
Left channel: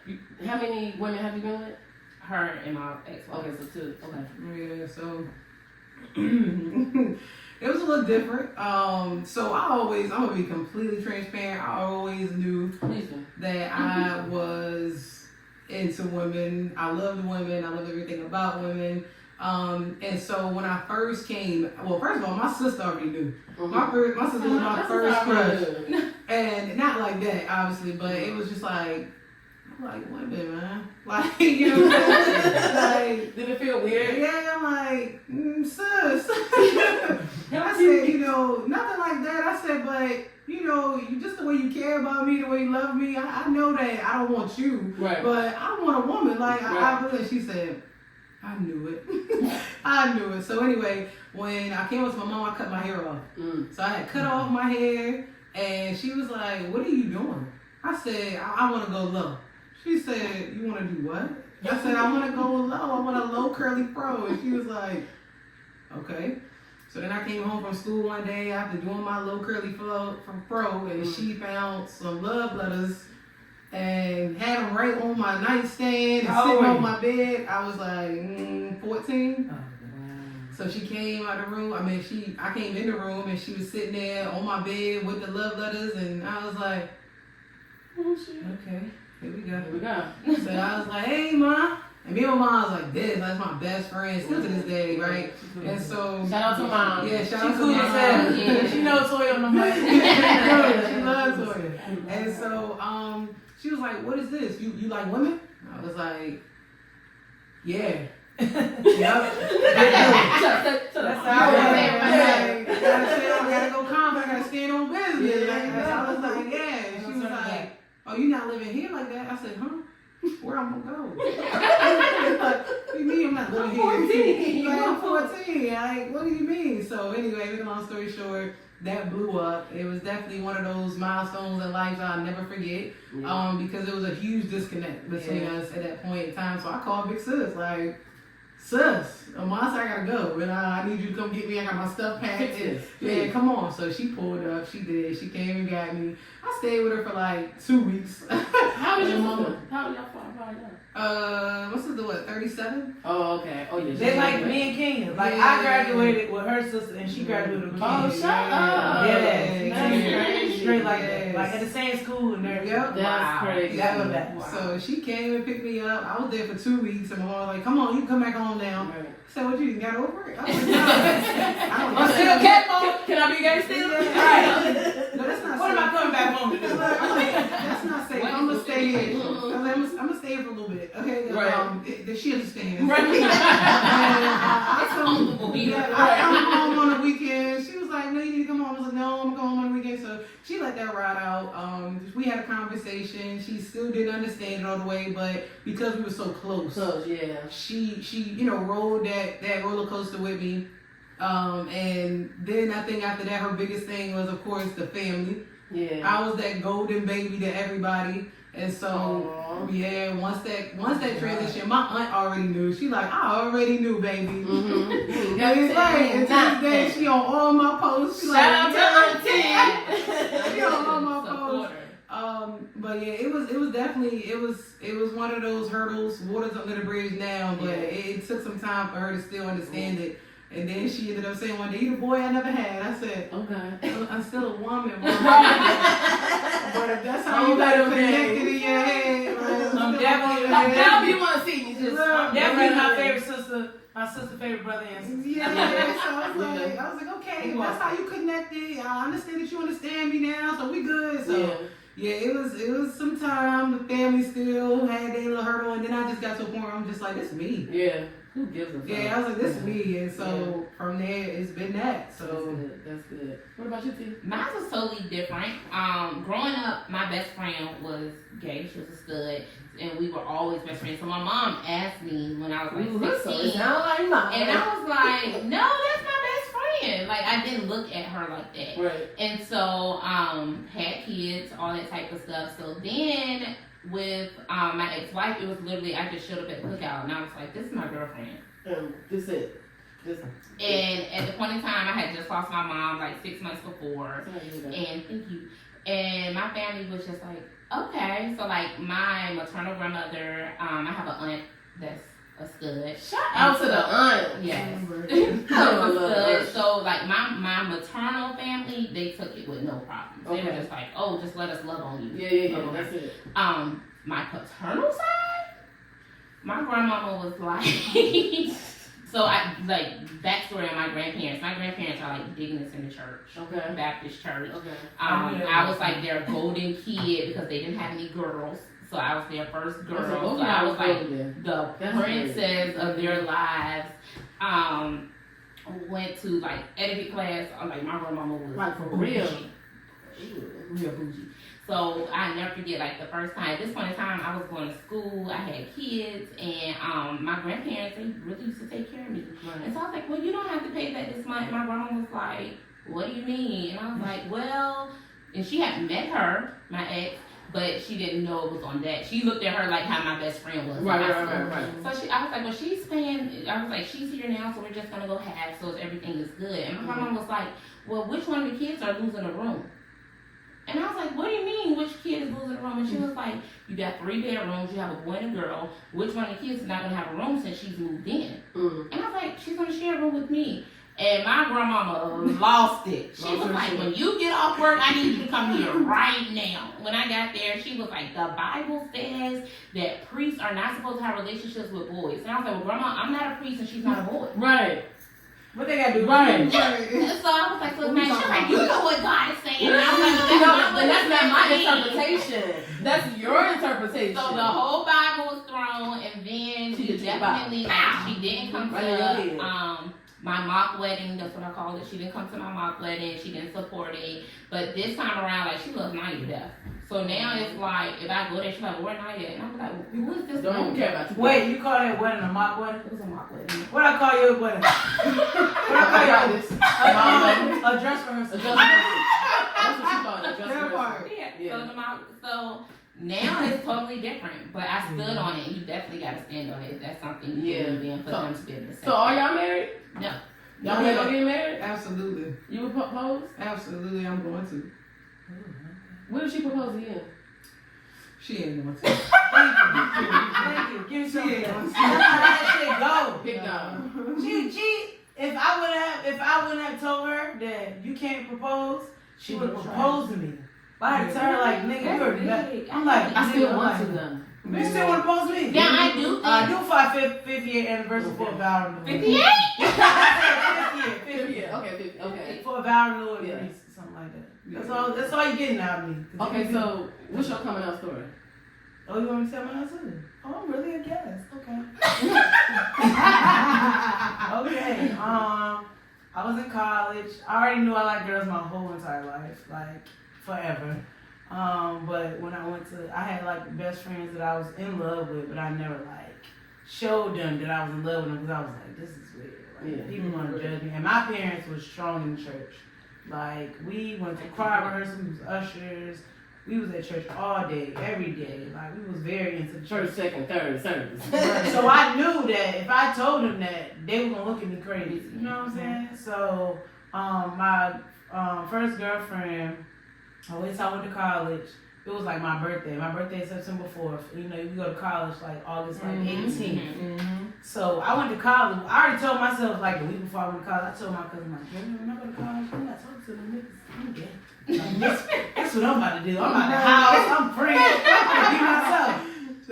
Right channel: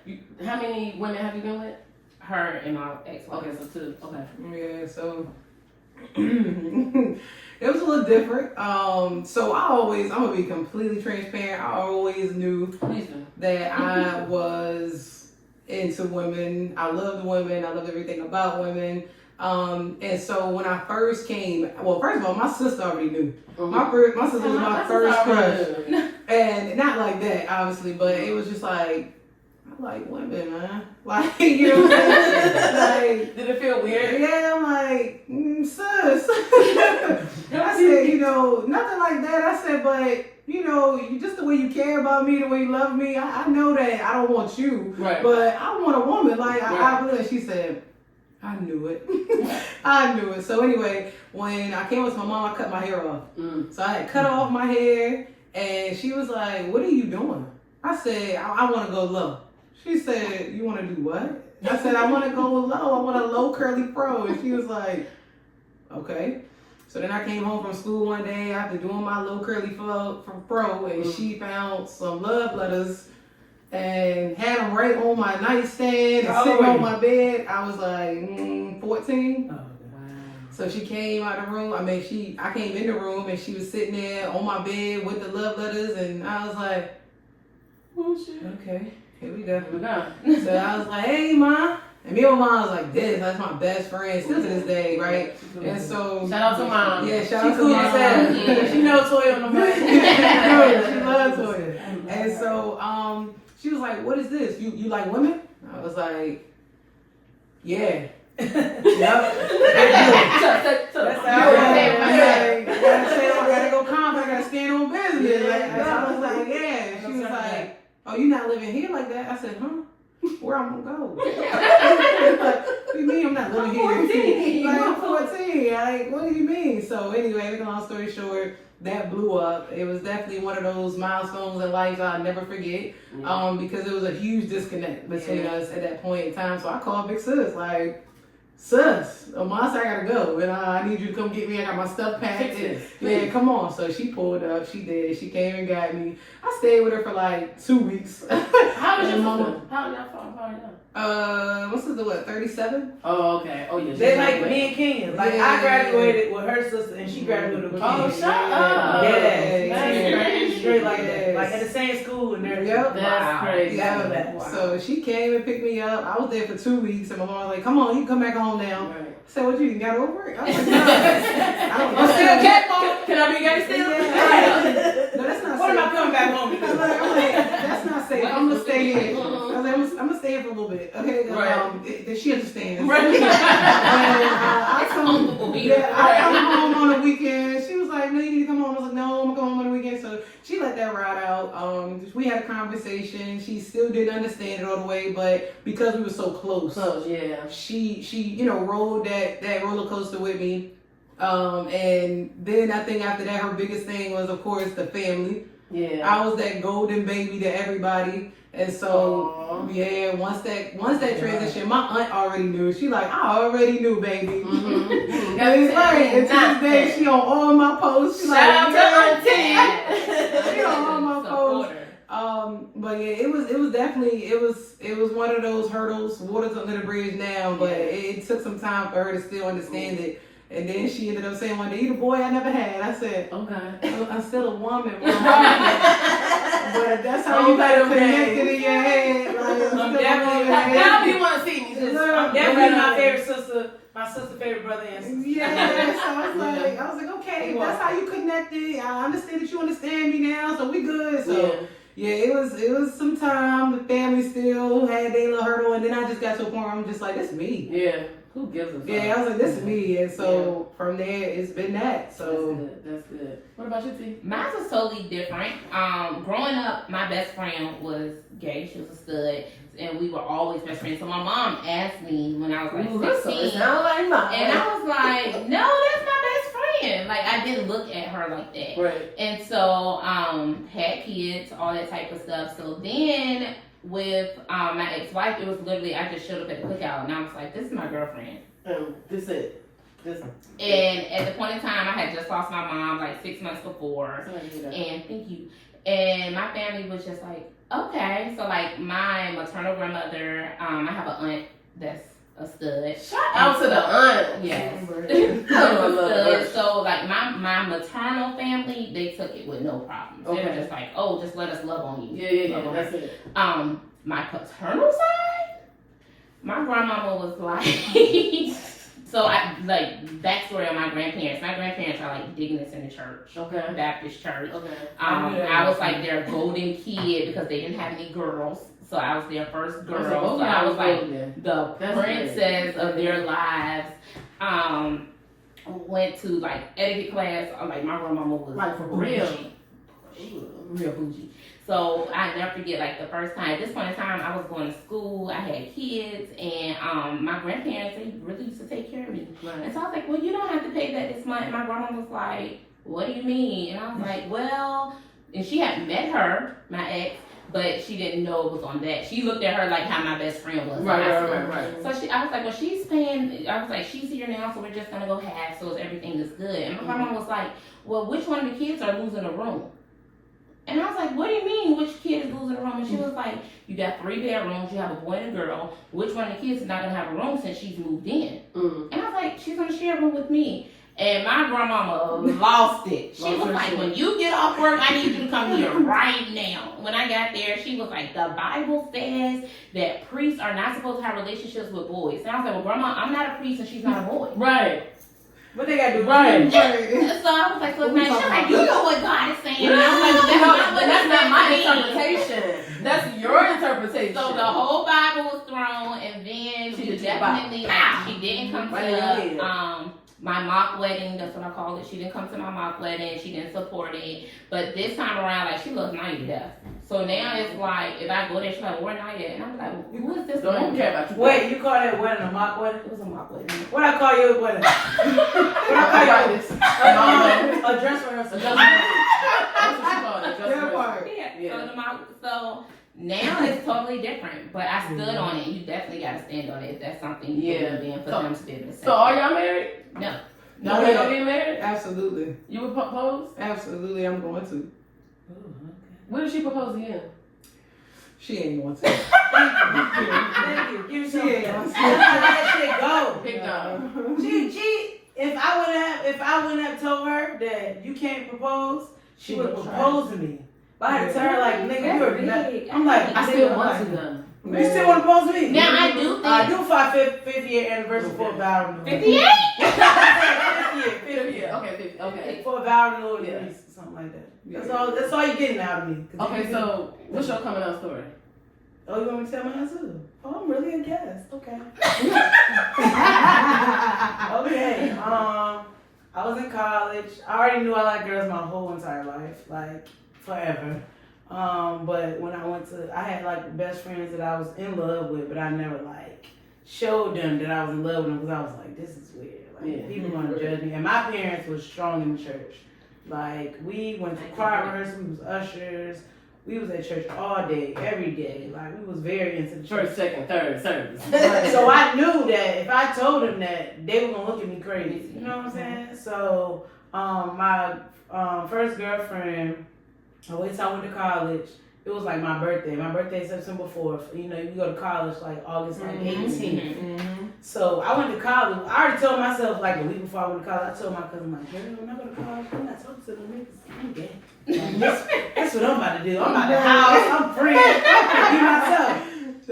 how many women have you been with? Her and my ex. Okay, so two. Okay. Yeah, so it was a little different. So I'm gonna be completely transparent. I always knew Please do. that I was into women. I loved women. I loved everything about women. And so when I first came, well, first of all, my sister already knew. My sister was my first crush, and not like that, obviously, but it was just like, I like women, man. Like, you know what I'm saying? Like, did it feel weird? yeah, I'm like, sis. I said, nothing like that. I said, but, you just the way you care about me, the way you love me, I know that I don't want you, Right. but I want a woman. Like, Right. I really, she said, I knew it. I knew it. So anyway, when I came with my mom, I cut my hair off. So I had cut off my hair, and she was like, what are you doing? I said, I want to go low. She said, you want to do what? I said, I want to go low. I want a low curly fro. And she was like, okay. So then I came home from school one day after doing my low curly fro, and she found some love letters and had them right on my nightstand and sitting on my bed. I was like 14. So she came out the room. I came in the room and she was sitting there on my bed with the love letters, and I was like, oh shit, okay, here we go. So I was like, hey, Ma. And me and my mom was like this. That's my best friend still to this day, right? And so Shout out to Mom. Yeah, shout out to Mom. Yeah, she knows Toya on the mic. She loves Toya. And so she was like, what is this? You like women? I was like, yeah. Yep. That's how I gotta go calm. I gotta stand on business. So I was like, yeah. And she was like, oh, you not living here like that? I said, huh? Where I'm gonna go? Like, what do you mean I'm not living here? Like, I'm 14. Like, what do you mean? So anyway, make a long story short, that blew up. It was definitely one of those milestones in life I'll never forget. Because it was a huge disconnect between us at that point in time. So I called Big Sis, like, sis, Amasa, I gotta go, and I need you to come get me. I got my stuff packed. Yeah, come on. So she pulled up. She did. She came and got me. I stayed with her for like 2 weeks. How was your mama? How y'all? My sister, what, 37? Oh, okay. Oh, yeah. They like me and Kenya. Like, I graduated with her sister, and she graduated with Kenya. Oh, shut up. Yeah. straight like that. Like in the same school and everything. Yep. That's crazy. Yeah. Wow. So she came and picked me up. I was there for 2 weeks, and my mom was like, "Come on, you can come back home now." Right. I said, "What, you got over it?" I was like, "No, I don't I'm still know." gay, mama. Can I be gay still? Yeah. No, that's not What am I safe. coming back home to do? I'm like, that's not safe. I'm gonna stay here. Mhm. I was like, I'm gonna stay here for a little bit. Okay. Right. She understands. Right. And, I come. Comfortable here. Yeah, I come home on the weekend. She was like, "No, you need to come home." I was like, "No, I'm gonna come home on the weekend." So she let that ride out. We had a conversation. She still didn't understand it all the way, but because we were so close, Yeah. she rode that roller coaster with me. And then I think after that, her biggest thing was, of course, the family. Yeah. I was that golden baby to everybody. And so, Aww. yeah, once that transition, my aunt already knew. She like, "I already knew, baby." Mm-hmm. And it's like, and to this day, she on all my posts. She Shout out like, to Auntie. she on all my posts. Supporter. But yeah, it was definitely it was one of those hurdles. Water's under the bridge now, but it took some time for her to still understand it. And then she ended up saying one day, "You the boy I never had." I said, Okay. "I'm still a woman, but that's how you gotta connect it in your head." Like, I'm still a definitely- woman. Now you want to see me? Just Definitely my favorite sister, my sister favorite brother and sister. Yeah, so I was like, okay, if that's how you connected. I understand that you understand me now, so we good. So yeah, it was some time. The family still had their little hurdle, and then I just got to a point where I'm just like, this is me. Yeah. Who gives a fuck? Yeah, I was like, this is me, and so from there it's been that. So That's good. What about you, T? Mine was totally different. Growing up, my best friend was gay. She was a stud, and we were always best friends. So my mom asked me when I was like 16, It sounds like mine. and I was like, "No, that's my best friend." Like I didn't look at her like that. Right. And so, had kids, all that type of stuff. So then, with my ex-wife, it was literally I just showed up at the cookout, and I was like, "This is my girlfriend." This it. Just. And at the point in time, I had just lost my mom like 6 months before. And thank you. And my family was just like, okay. So like my maternal grandmother, I have an aunt that's a stud. Shout out to the aunt. Yes. I love her. So like my maternal family, they took it with no problems. They were Okay. just like, oh, just let us love on you. Yeah. Love on That's her. it. My paternal side, my grandmama was like, so I like backstory on my grandparents. My grandparents are like digging in the church, Okay. Baptist church. Okay. I was like their golden kid because they didn't have any girls, so I was their first girl. So I was like the That's princess of their lives. Went to like etiquette class. Like my grandmama was Like, for bougie. real? She was real bougie. So I never forget like the first time. At this point in time, I was going to school. I had kids, and my grandparents, they really used to take care of me. And so I was like, well, you don't have to pay that this month. My grandma was like, what do you mean? And I was like, well, and she had met her, my ex, but she didn't know it was on that. She looked at her like how my best friend was. Right. So I was like, well, she's paying. I was like, she's here now, so we're just gonna go half, so everything is good. And my grandma was like, well, which one of the kids are losing a room? And I was like, what do you mean, which kid is losing a room? And she was like, you got 3 bedrooms, you have a boy and a girl. Which one of the kids is not gonna have a room since she's moved in? Mm-hmm. And I was like, she's gonna share a room with me. And my grandmama lost it. She was like, when you get off work, I need you to come here right now. When I got there, she was like, the Bible says that priests are not supposed to have relationships with boys. And I was like, well, grandma, I'm not a priest and she's not a boy. Right. What they gotta do? Right. So I was like, so man, she's like, you know what God is saying. And I was like, That's not my mean. interpretation. That's your interpretation. So the whole Bible was thrown, and then she definitely, like, she didn't come to my mock wedding. That's what I call it. She didn't come to my mock wedding. She didn't support it. But this time around, like, she loves Naya to death. So now it's like, if I go there, she's like, where Naya? And I'm like, who is this Don't even woman? care about you. Wait, you call that wedding a mock wedding? It was a mock wedding. What I call your wedding? What I call yours? A dress rehearsal. That's what you call it. that part. Yeah. So now it's totally different. But I stood on it. You definitely got to stand on it if that's something you believe in for them to be able to say. So are y'all married? No. No, you gonna be married? Absolutely. You would propose? Absolutely, I'm going to. When did she propose to you? She ain't going to. Thank you. Give me She ain't some. going to. Let that shit go. Pick up. She, if I wouldn't have told her that you can't propose, she would have proposed to me. But I had to tell her, like, nigga, you're mad. I'm like, I still want to though. You still want to pose me? Now I do think I do for our 50th year anniversary for a vow renewal. 58. 50th year. Okay, 50, okay. For a vow renewal, Yeah. something like that. That's all you're getting out of me. Okay, so what's your coming out story? Oh, you want me to tell my answer? Oh, I'm really a guest. Okay. Okay. I was in college. I already knew I liked girls my whole entire life, like forever. But when I had like best friends that I was in love with, but I never like showed them that I was in love with them because I was like, this is weird. Like, people want to judge me. And my parents were strong in the church. Like, we went to choir rehearsal, we was ushers. We was at church all day, every day. Like, we was very into the church. First, second, third service. So I knew that if I told them that, they were gonna look at me crazy. You know what I'm saying? So my first girlfriend, I waited till I went to college. It was like my birthday. My birthday is September 4th. You know, you go to college like August 18th. So I went to college. I already told myself like a week before I went to college. I told my cousin, like, when I go to college, I'm not talking to them niggas. I'm gay. Like, that's what I'm about to do. I'm about to house. I'm free. I can be myself.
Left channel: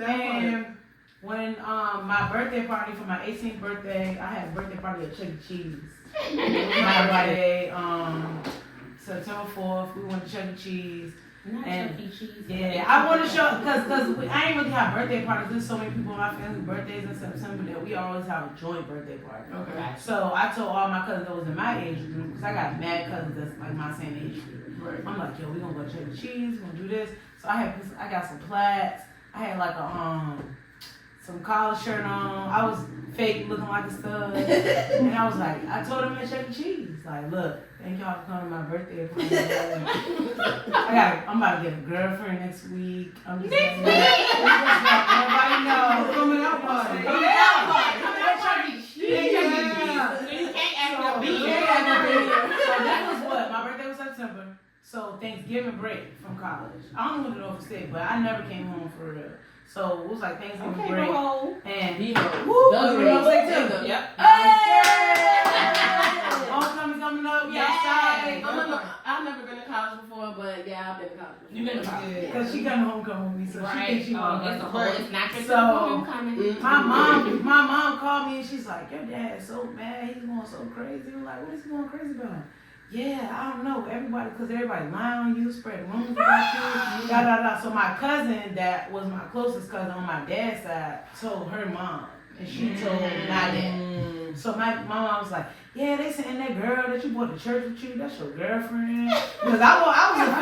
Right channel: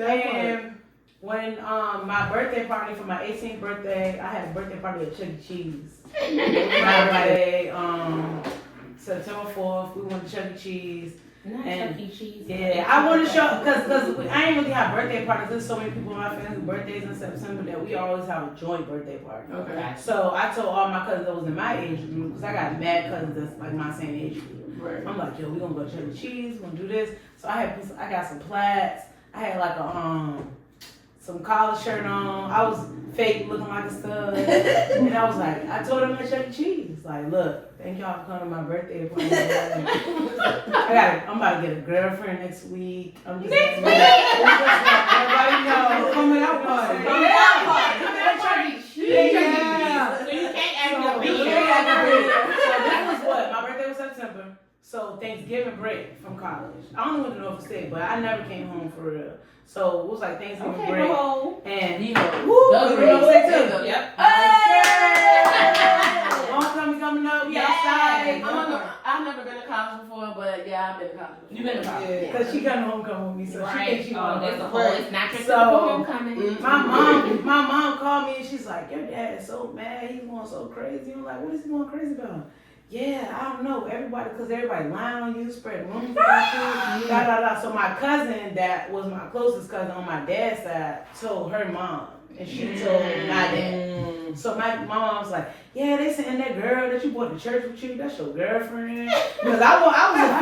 And when my birthday party for my 18th birthday, I had a birthday party at Chuck E. Cheese. My birthday, September 4th, we went to Chuck E. Cheese. And Chuck E. Cheese. Yeah, I want to show, because I ain't really have birthday parties. There's so many people in my family with birthdays in September that we always have a joint birthday party. Okay. So I told all my cousins that was in my age group, because I got mad cousins that's like my same age group. Right. I'm like, yo, we gonna go to Chuck E. Cheese, we're gonna do this. So I got some plaids. I had like a some collar shirt on. I was fake looking like a stud. And I was like, I told them at Chuck E. Cheese, like, look, thank y'all for coming to my birthday party. I'm about to get a girlfriend next week. I'm just like, everybody know. Coming out party. Coming out party. Chuck E. Cheese. Yeah. So you can't act So your this beat. was what? My birthday was September. So Thanksgiving break from college. I don't even know if it's state, but I never came home for real. So it was like Thanksgiving break. And you know say too. Yep. Homecoming coming up. We outside. I've never been to college before, but yeah, I've been to college. You been to college? Yeah, because she coming homecoming with me, so she thinks she Oh, that's a whole. It's not your So, typical homecoming. my mom called me and she's like, your dad is so mad. He's going so crazy. I'm like, what is he going crazy about? Yeah, I don't know. Because everybody lying on you, spread rumors about you, So my cousin that was my closest cousin on my dad's side told her mom, and she told my dad. So my mom was like, yeah, they saying that girl that you brought to church with you, that's your girlfriend. Because I was a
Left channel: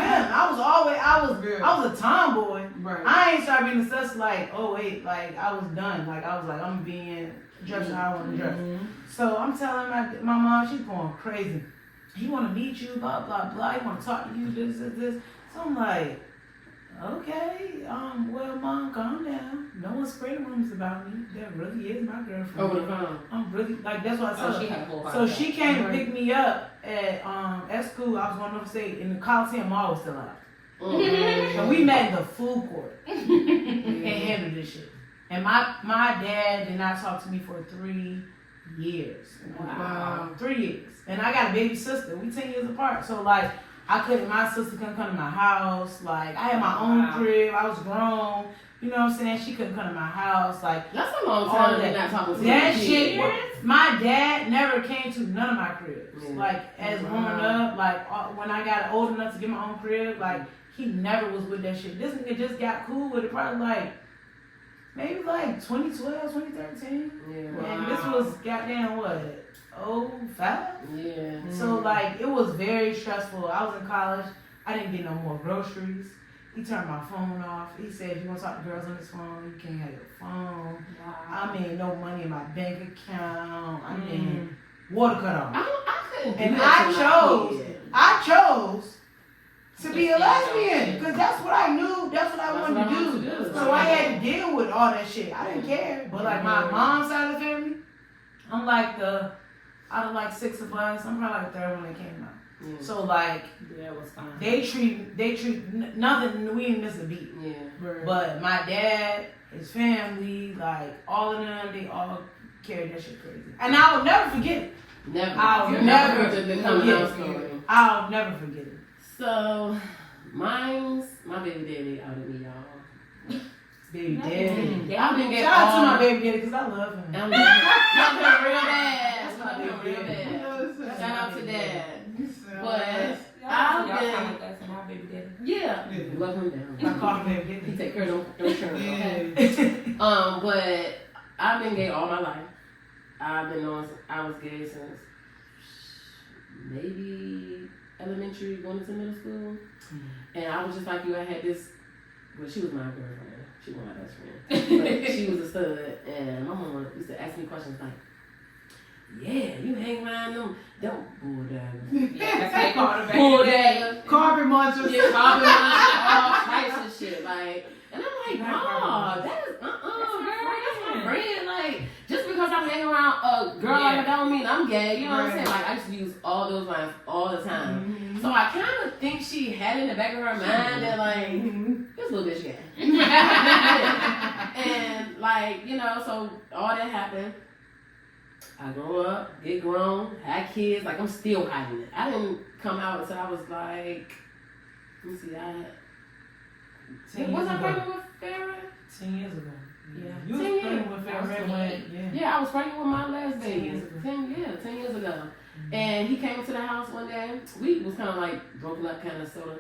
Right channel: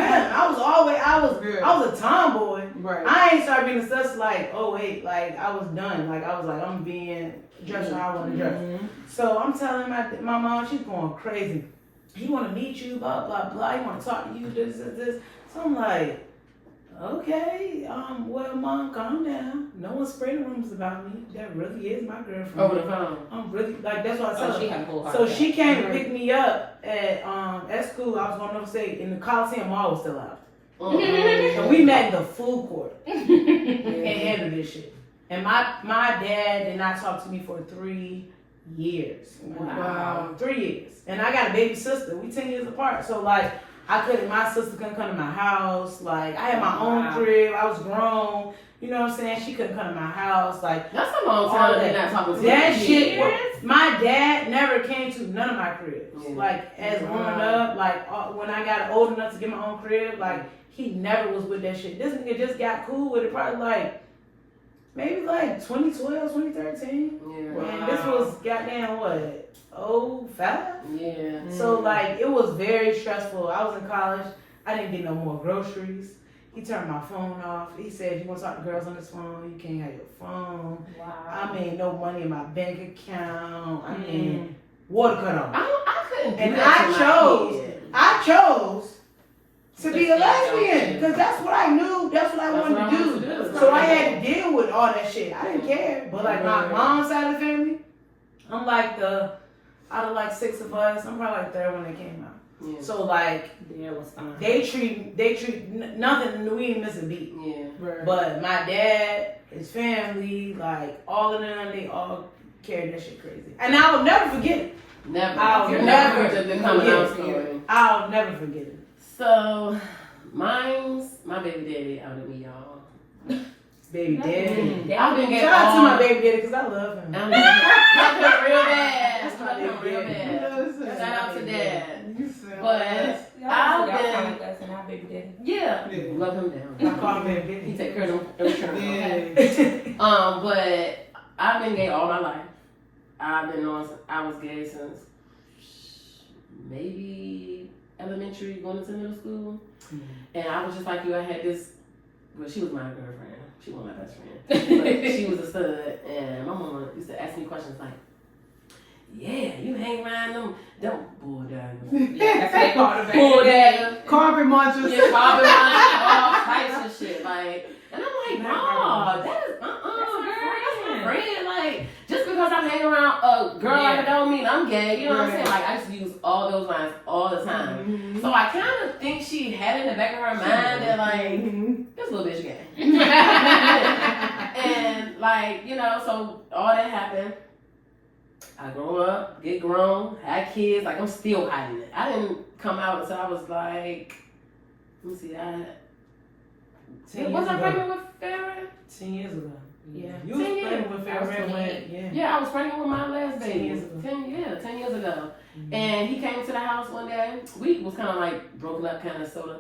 fan. I was a tomboy. Right. I ain't started being such like, oh wait, like I was done. Like I was like, I'm being dressed how I want to dress. So I'm telling my mom, she's going crazy. He want to meet you, blah, blah, blah. He want to talk to you, this. So I'm like, okay, well, Mom, calm down. No one's spreading rumors about me. That really is my girlfriend. Over the phone. I'm really, like, that's what I told She her. had a whole heart So attack. she came and picked me up at school. I was going upstate, and the Coliseum Mall was still out. And we met in the food court and handled this shit. And my dad did not talk to me for 3 years. Wow. 3 years. And I got a baby sister. We 10 years apart. So like my sister couldn't come to my house. Like I had my own crib. I was grown. You know what I'm saying? She couldn't come to my house. Like That's a long time to be not talking to that you. shit. My dad never came to none of my cribs. Yeah. Like as growing up, like when I got old enough to get my own crib, like he never was with that shit. This nigga just got cool with it probably like maybe like 2012, 2013. Yeah. And this was goddamn what? 05? Yeah. So like it was very stressful. I was in college. I didn't get no more groceries. He turned my phone off. He said, you gonna talk to girls on this phone? You can't have your phone. Wow. I mean, no money in my bank account. I mean, water cut off. I couldn't do And that I chose to be a lesbian because that's what I knew. That's what I wanted to do. So I had to deal with all that shit. I didn't care. But like my mom's side of the family, I'm like out of like 6 of us, I'm probably like third when they came out. Yeah. So like Yeah, it was fine. they treat nothing. We ain't miss a beat. Yeah. Right. But my dad, his family, like all of them, they all carried that shit crazy. And I will never forget it. Never. I'll You're never never just been coming forget out it. story. I'll never forget it. So Mine's my baby daddy out of me, y'all. Baby daddy. I've been getting Shout out to my baby daddy because I love him. I love him real bad. I love him Baby real daddy. bad. Shout out to dad. But Y'all I've been, and our baby daddy. yeah, Yeah. love him down. I call him baby daddy. He take care of them. Yeah. But I've been gay all my life. I was gay since maybe elementary, going into middle school. And I was just like you, I had this, well, she was my girlfriend. She was my best friend. She was a stud. And my mom used to ask me questions like, yeah, you hang around them bull daggers. Yeah, that's what they call it. Bull daggers. Carpet munchers. Yeah, carpet munchers, all types of shit. Like, and I'm like, no, that is, girl, that's my friend. Like, just because I'm hanging around a girl like that don't mean I'm gay. You know what I'm saying? Like, I used to use all those lines all the time. Mm-hmm. So I kind of think she had in the back of her mind that, like, this little bitch gay. And, like, you know, so all that happened. I grew up, get grown, had kids. Like, I'm still hiding it. I didn't come out until I was like, let me see, was I pregnant with Farrah? 10 years ago. Yeah. You was 10 pregnant with I was Farrah pregnant. when, Yeah, I was pregnant with my last 10 baby. years ago. 10 years ago. And he came to the house one day. We was kind of like broken up, kind of sort of.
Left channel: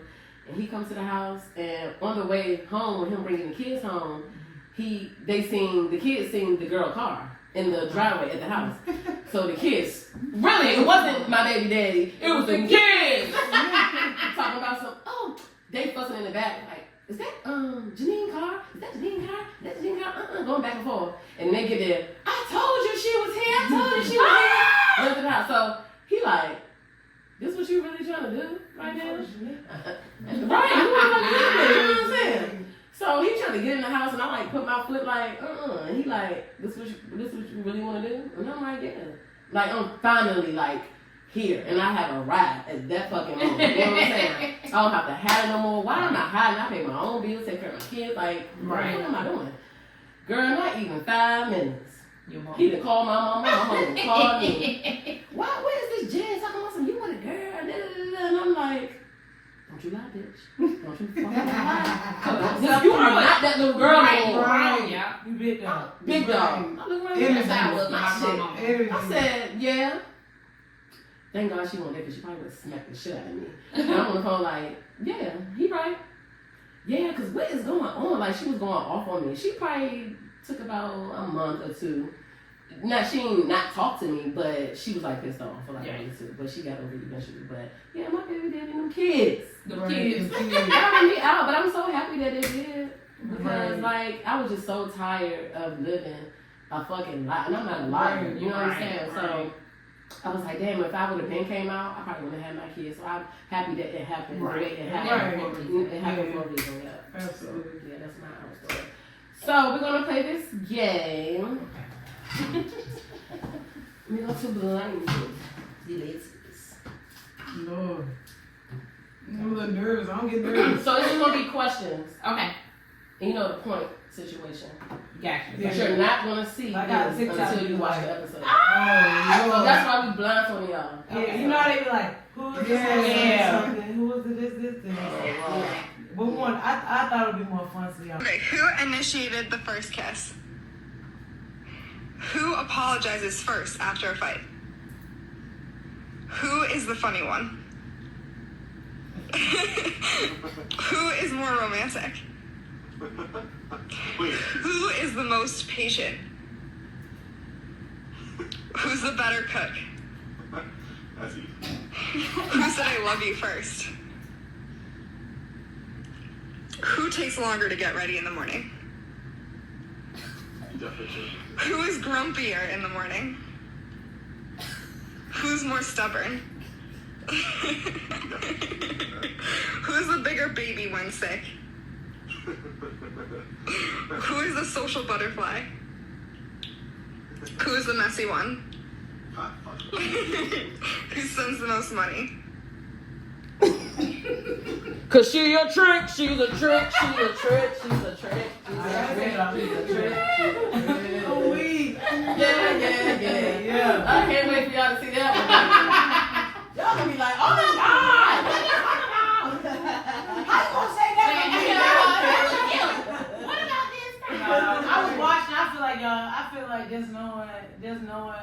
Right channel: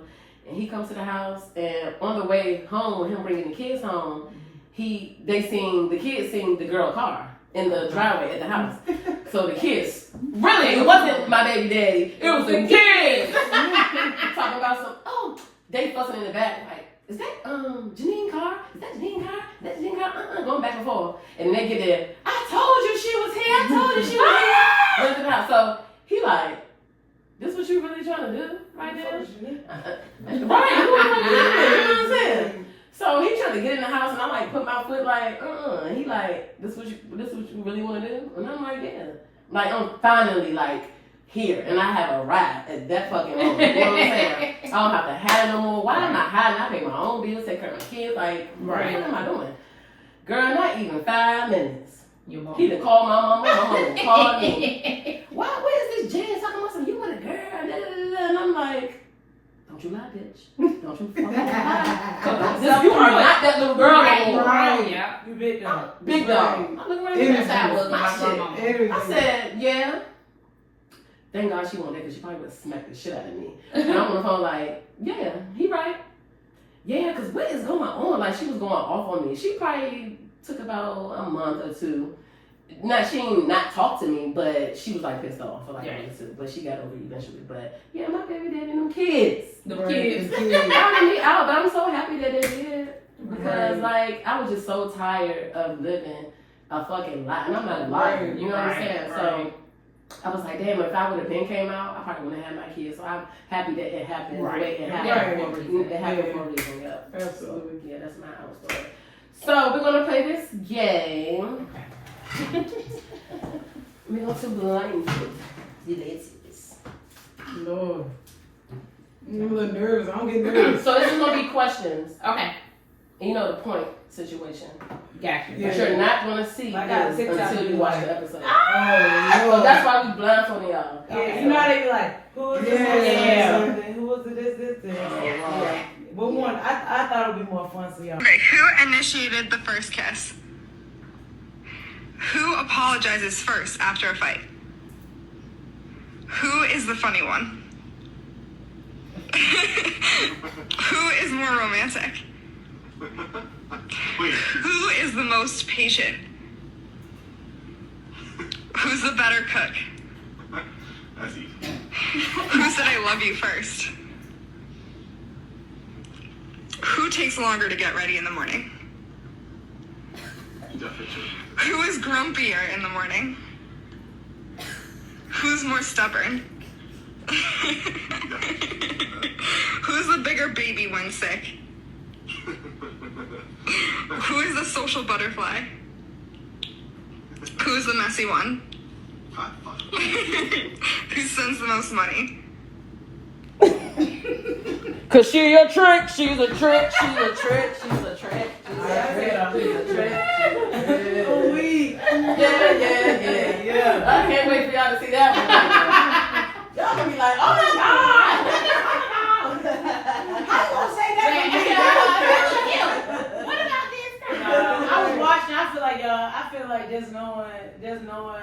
And he comes to the house, and on the way home, with him bringing the kids home, the kids seen the girl car in the driveway at the house. So the kids, really, it wasn't my baby daddy, it was the kids. Talking about they fussing in the back, like, is that Janine car? Is that Janine car? Is that Janine car? Going back and forth. And they get there, I told you she was here, I told you she was here. Left the house. So he like, this what you really trying to do right now? Right, you know what I'm saying? So he tried to get in the house, and I like put my foot like, and he like, this what you really want to do? And I'm like, yeah. Like, I'm finally like here, and I have arrived at that fucking moment. You know what I'm saying? I don't have to hide no more. Why am I hiding? I pay my own bills, take care of my kids. Like, what am I doing? Girl, not even 5 minutes. He done called my mama. My mama called me. Where is this Jen talking about some, you with a girl? Da, da, da, da. And I'm like, don't you lie, bitch. Don't you fucking lie. You are not that little girl anymore. Right. Yeah. You big dog. Big dog. I look right Everything. that's how I was with my shit. Everything. I said, yeah. Thank God she wasn't there because she probably would have smacked the shit out of me. And I'm on the phone like, yeah, he right. Yeah, because what is going on? Like, she was going off on me. She probably took about a month or two. She ain't not talk to me, but she was like pissed off for like a month or two. But she got over it eventually. But yeah, my baby daddy and them kids. The kids. Got me out, but I'm so happy that they did. Because like, I was just so tired of living a fucking lie. And I'm not lying, you know what I'm saying? So I was like, damn, if I would have been came out, I probably wouldn't have had my kids. So I'm happy that it happened. The way it happened for a reason. It happened for a reason, yeah. Absolutely. So, yeah, that's my story. So we're gonna play this game. We're going to blind the ladies. Lord. I'm a little nervous. I don't get nervous. So this is gonna be questions. Okay. And you know the point situation. Gotcha. Yeah. But you're not gonna see Like I this said, until you watch the episode. Oh, So Lord. that's why we blindfolded y'all. Yeah, you know how they be like, who was this? Yeah. Something? Who was this? Yeah. But one, I thought it would be more fun for y'all. Who initiated the first kiss? Who apologizes first after a fight? Who is the funny one? Who is more romantic? Who is the most patient? Who's the better cook? Who said I love you first? Who takes longer to get ready in the morning? Who is grumpier in the morning? Who's more stubborn? Who's the bigger baby when sick? Who is the social butterfly? Who's the messy one? Who sends the most money? Cause she a trick, she's a trick, she's a trick, she's a trick, she's a trick. Oh, we. Yeah. I can't wait for y'all to see that one. Y'all gonna be like, oh my God! How know what?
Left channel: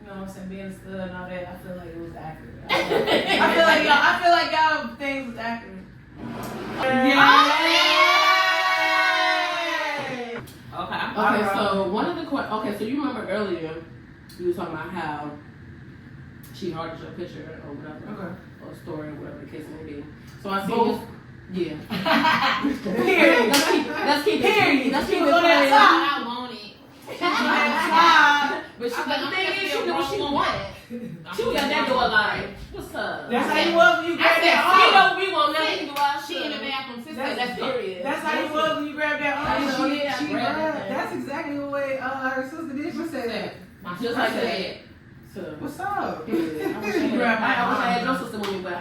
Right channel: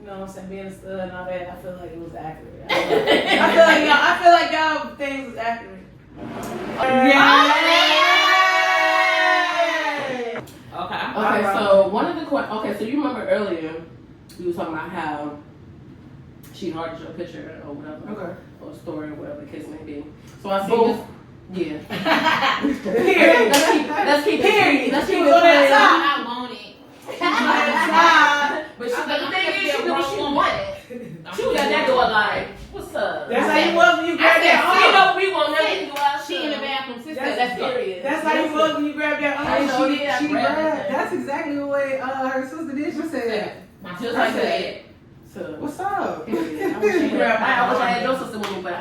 You know what I'm saying? Being a stud and all that, I feel like it was accurate. I feel like y'all things was accurate. Okay, so one of the so you remember earlier you were talking about how she hearted your picture or whatever, or story or whatever the case may be. So I see this. Yeah. Let's keep it. Let's keep it. I want it. But the thing is, she knew what she wanted. She was at that door like, what's up? That's how you was when you grabbed that You arm. know what we want nothing to do us. She in the bathroom, sister. That's Let's go. Period. That's how you was when you grabbed that arm. She grabbed. That's exactly the way her sister did. She said that. Just like that. So, What's up? I wish I had your sister with me, but I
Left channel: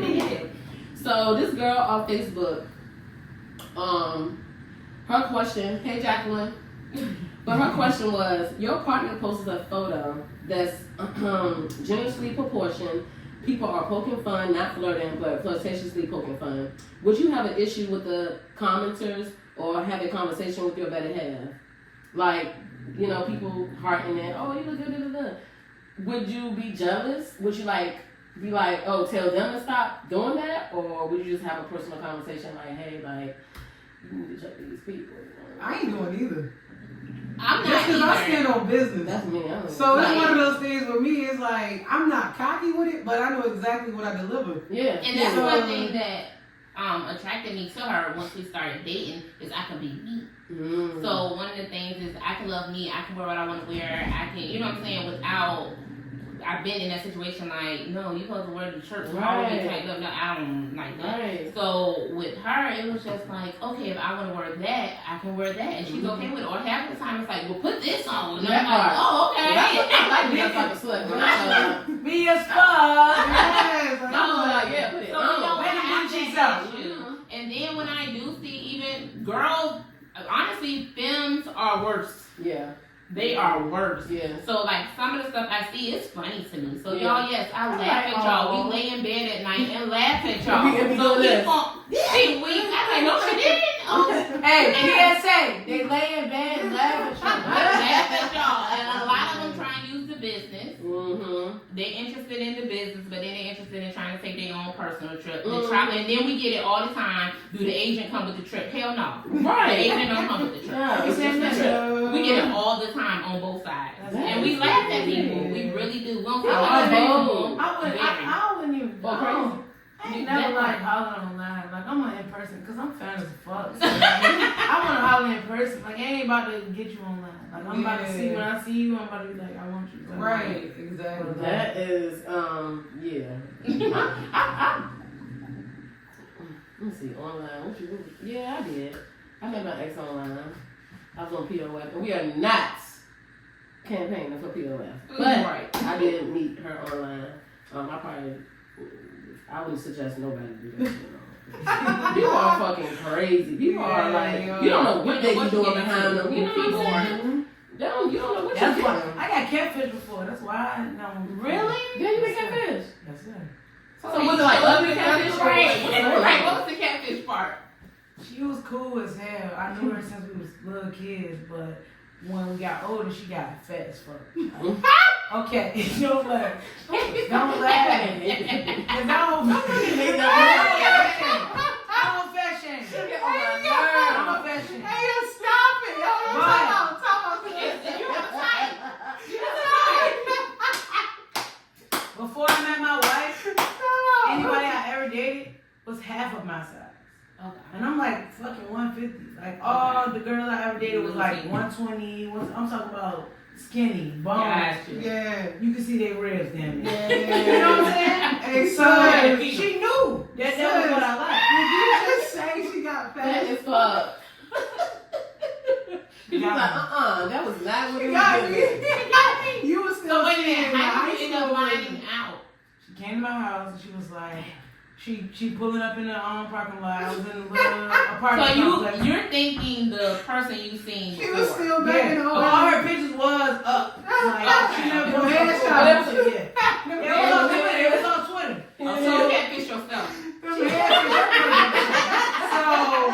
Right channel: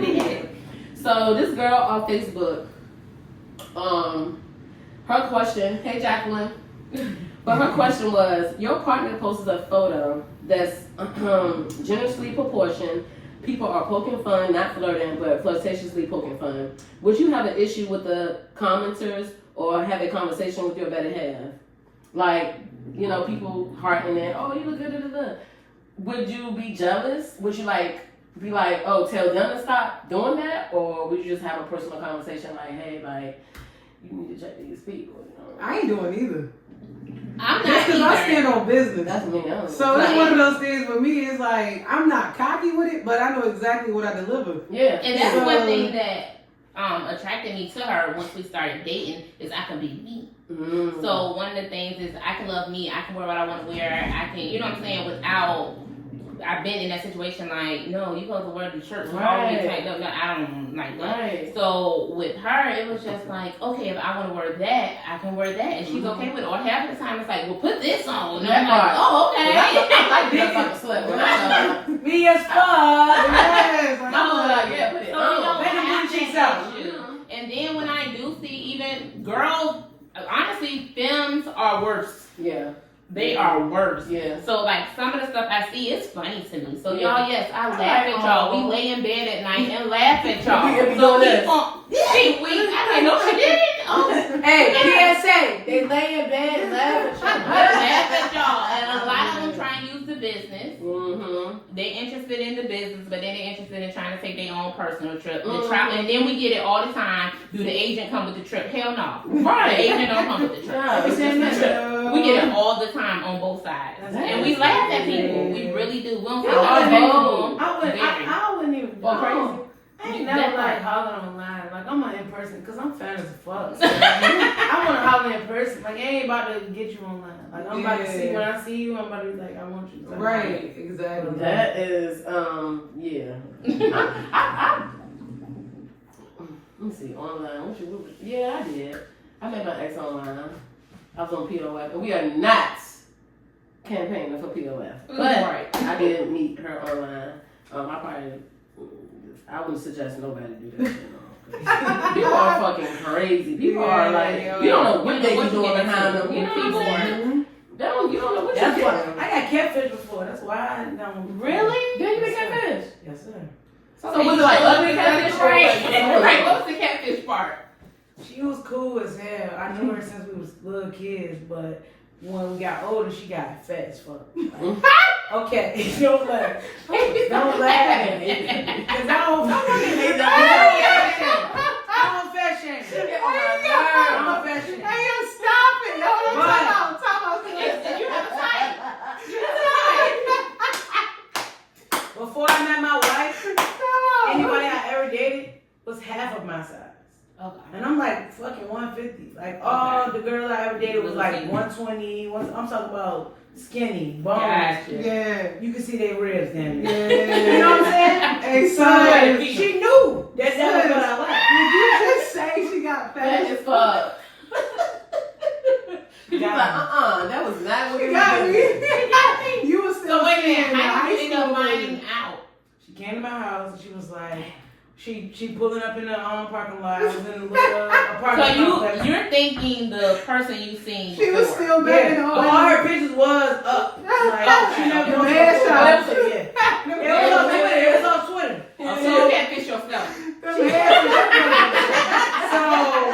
did. So this girl on Facebook, her question, hey Jacqueline, but her question was, your partner posted a photo that's generously proportioned. People are poking fun, not flirting, but flirtatiously poking fun. Would you have an issue with the commenters or have a conversation with your better half? Like, you know, people hearting it, oh, you look good, Would you be jealous? Would you be like, oh, tell them to stop doing that? Or would you just have a personal conversation like, hey, like, you need to check these people? You know? I ain't doing either. I'm not That's because I stand on business. That's me. So it's one of those things for me. It's like I'm not cocky with it, but I know exactly what I deliver. Yeah. And that's one thing that attracted me to her once we started dating is I can be me. Mm. So one of the things is I can love me. I can wear what I want to wear. I can, you know what I'm saying, without. I've been in that situation like, no, you're supposed to wear the shirt. So Right. no, I don't like that. Right. So with her, it was just like, okay, if I want to wear that, I can wear that. And she's okay with it. Or half the time it's like, well, put this on. And I'm like, oh, okay. I like that slip. Me as fuck. Yes, I'm like, yeah, put it So we don't on. have cheeks that out. issue. And then when I do see even girls, honestly, femmes are worse. Yeah. They are worse. Yeah. So like some of the stuff I see is funny to me. So Yeah. y'all, yes, I laugh at y'all. We lay in bed at night and laugh at y'all. We be So doing this. I like, no, she didn't. Oh. Hey, PSA, they lay in bed and laugh at you. Laugh at y'all. And a lot of them try and use the business. Mm-hmm. They interested in the business, but then they're interested in trying to take their own personal trip. Mhm. The travel, and then we get it all the time. Do the agent come with the trip? Hell no. Right. The agent don't come with the trip. Yeah, It's it's just just the the trip. We get it all the time on both sides. And we laugh at people. We really do. We don't say nothing. I wouldn't even Well, crazy. I ain't never like hollering online. Like I'm in person because I'm fan as fuck. So, I want to holler in person. Like I ain't about to get you online. Like I'm about to see when I see you. I'm about to be like I want you. Right, exactly. That is, yeah. Let me see, online. Yeah, I did. I met my ex online. I was on POF, but we are not campaigning for POF. But I did meet her online. I wouldn't suggest nobody do that. People are fucking crazy. People are like, you don't know what they be doing behind them. You know what I'm saying? You don't know what That's you're why doing. I got catfish before. That's why I don't. Really? Did you Yes, get sir. catfish? Yes, sir. So was it like ugly catfish? Right. What was the catfish part? She was cool as hell. I knew her since we was little kids, but when we got older, she got fat as fuck. Like, okay, don't laugh. Don't laugh. Cause I don't fat shame. I'm a fat shame. Hey, yo, stop it. Yo, Right. talk about You have a type. Before I met my wife, anybody I ever dated was half of my size. Okay. And I'm like fucking 150. Like all the girls I ever dated was like 120. I'm talking about skinny, bones. Gotcha. Yeah. You can see their ribs then. Yeah. You know what I'm saying? Hey, So son, she knew that was what I liked. did you just say she got Fat fat? as fuck. You like, that was not what She you got were me. doing. You was still So wait a minute, seeing how did high you end up school finding lady. out? She came to my house and she was like, she pulling up in the parking lot. I was in the little apartment. So complex. you're thinking the person you seen She was before. still Yeah, banging all on her pictures was up. Like, she never The broke man the shot. full picture, yeah. It was on Twitter. It was on Twitter. So you catfish yourself. So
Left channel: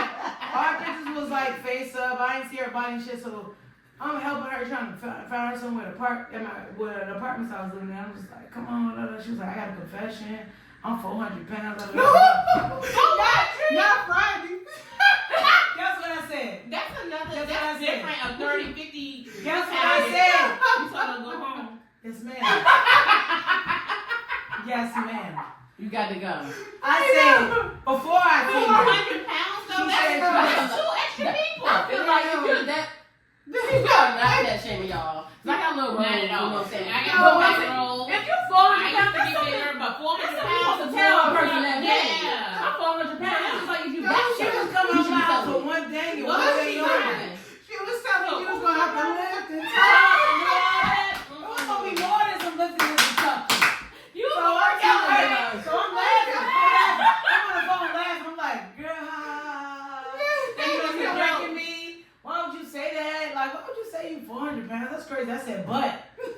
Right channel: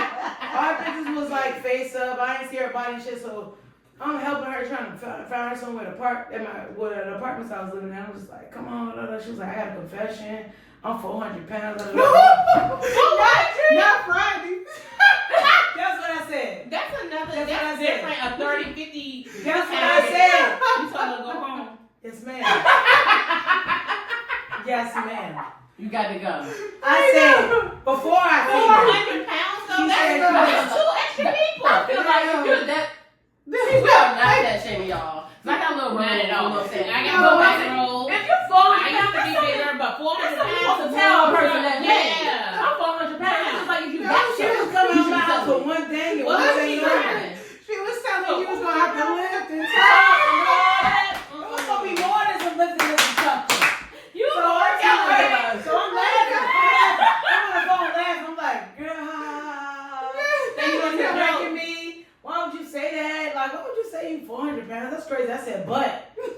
our pictures was like face up. I ain't see her body and shit. So I'm helping her trying to find her somewhere to park at an apartment I was living in. I was just like, come on, blah, blah. She was like, I got a confession. I'm 400 pounds. Blah, blah, blah. Not Friday. That's what I said. That's another. That's what I That's said. different. A 30, 50. That's what I said. You told her to go home. Yes, ma'am. Yes, ma'am. You got to go. I said, before I came here, 400 pounds though. She said, That's two extra people. I feel like if you're that, you are not that shame, y'all. I got a little Not at all. roll. I got no back roll. If you're 400 I used to be bigger, but 400 pounds pounds to is tell a person that, yeah. yeah, I'm 400 pounds. It's like if you no, got she shit. was coming out my house with one thing and What one is thing she only. driving? She was telling me you was gonna have to lift and It was gonna be more than some lifting and some tucking. You So I'm laughing. I'm on the phone laughing. I'm like, girl, they was wrecking me. Why would you say that? Like, why would you say you 400 pounds? That's crazy. I said, but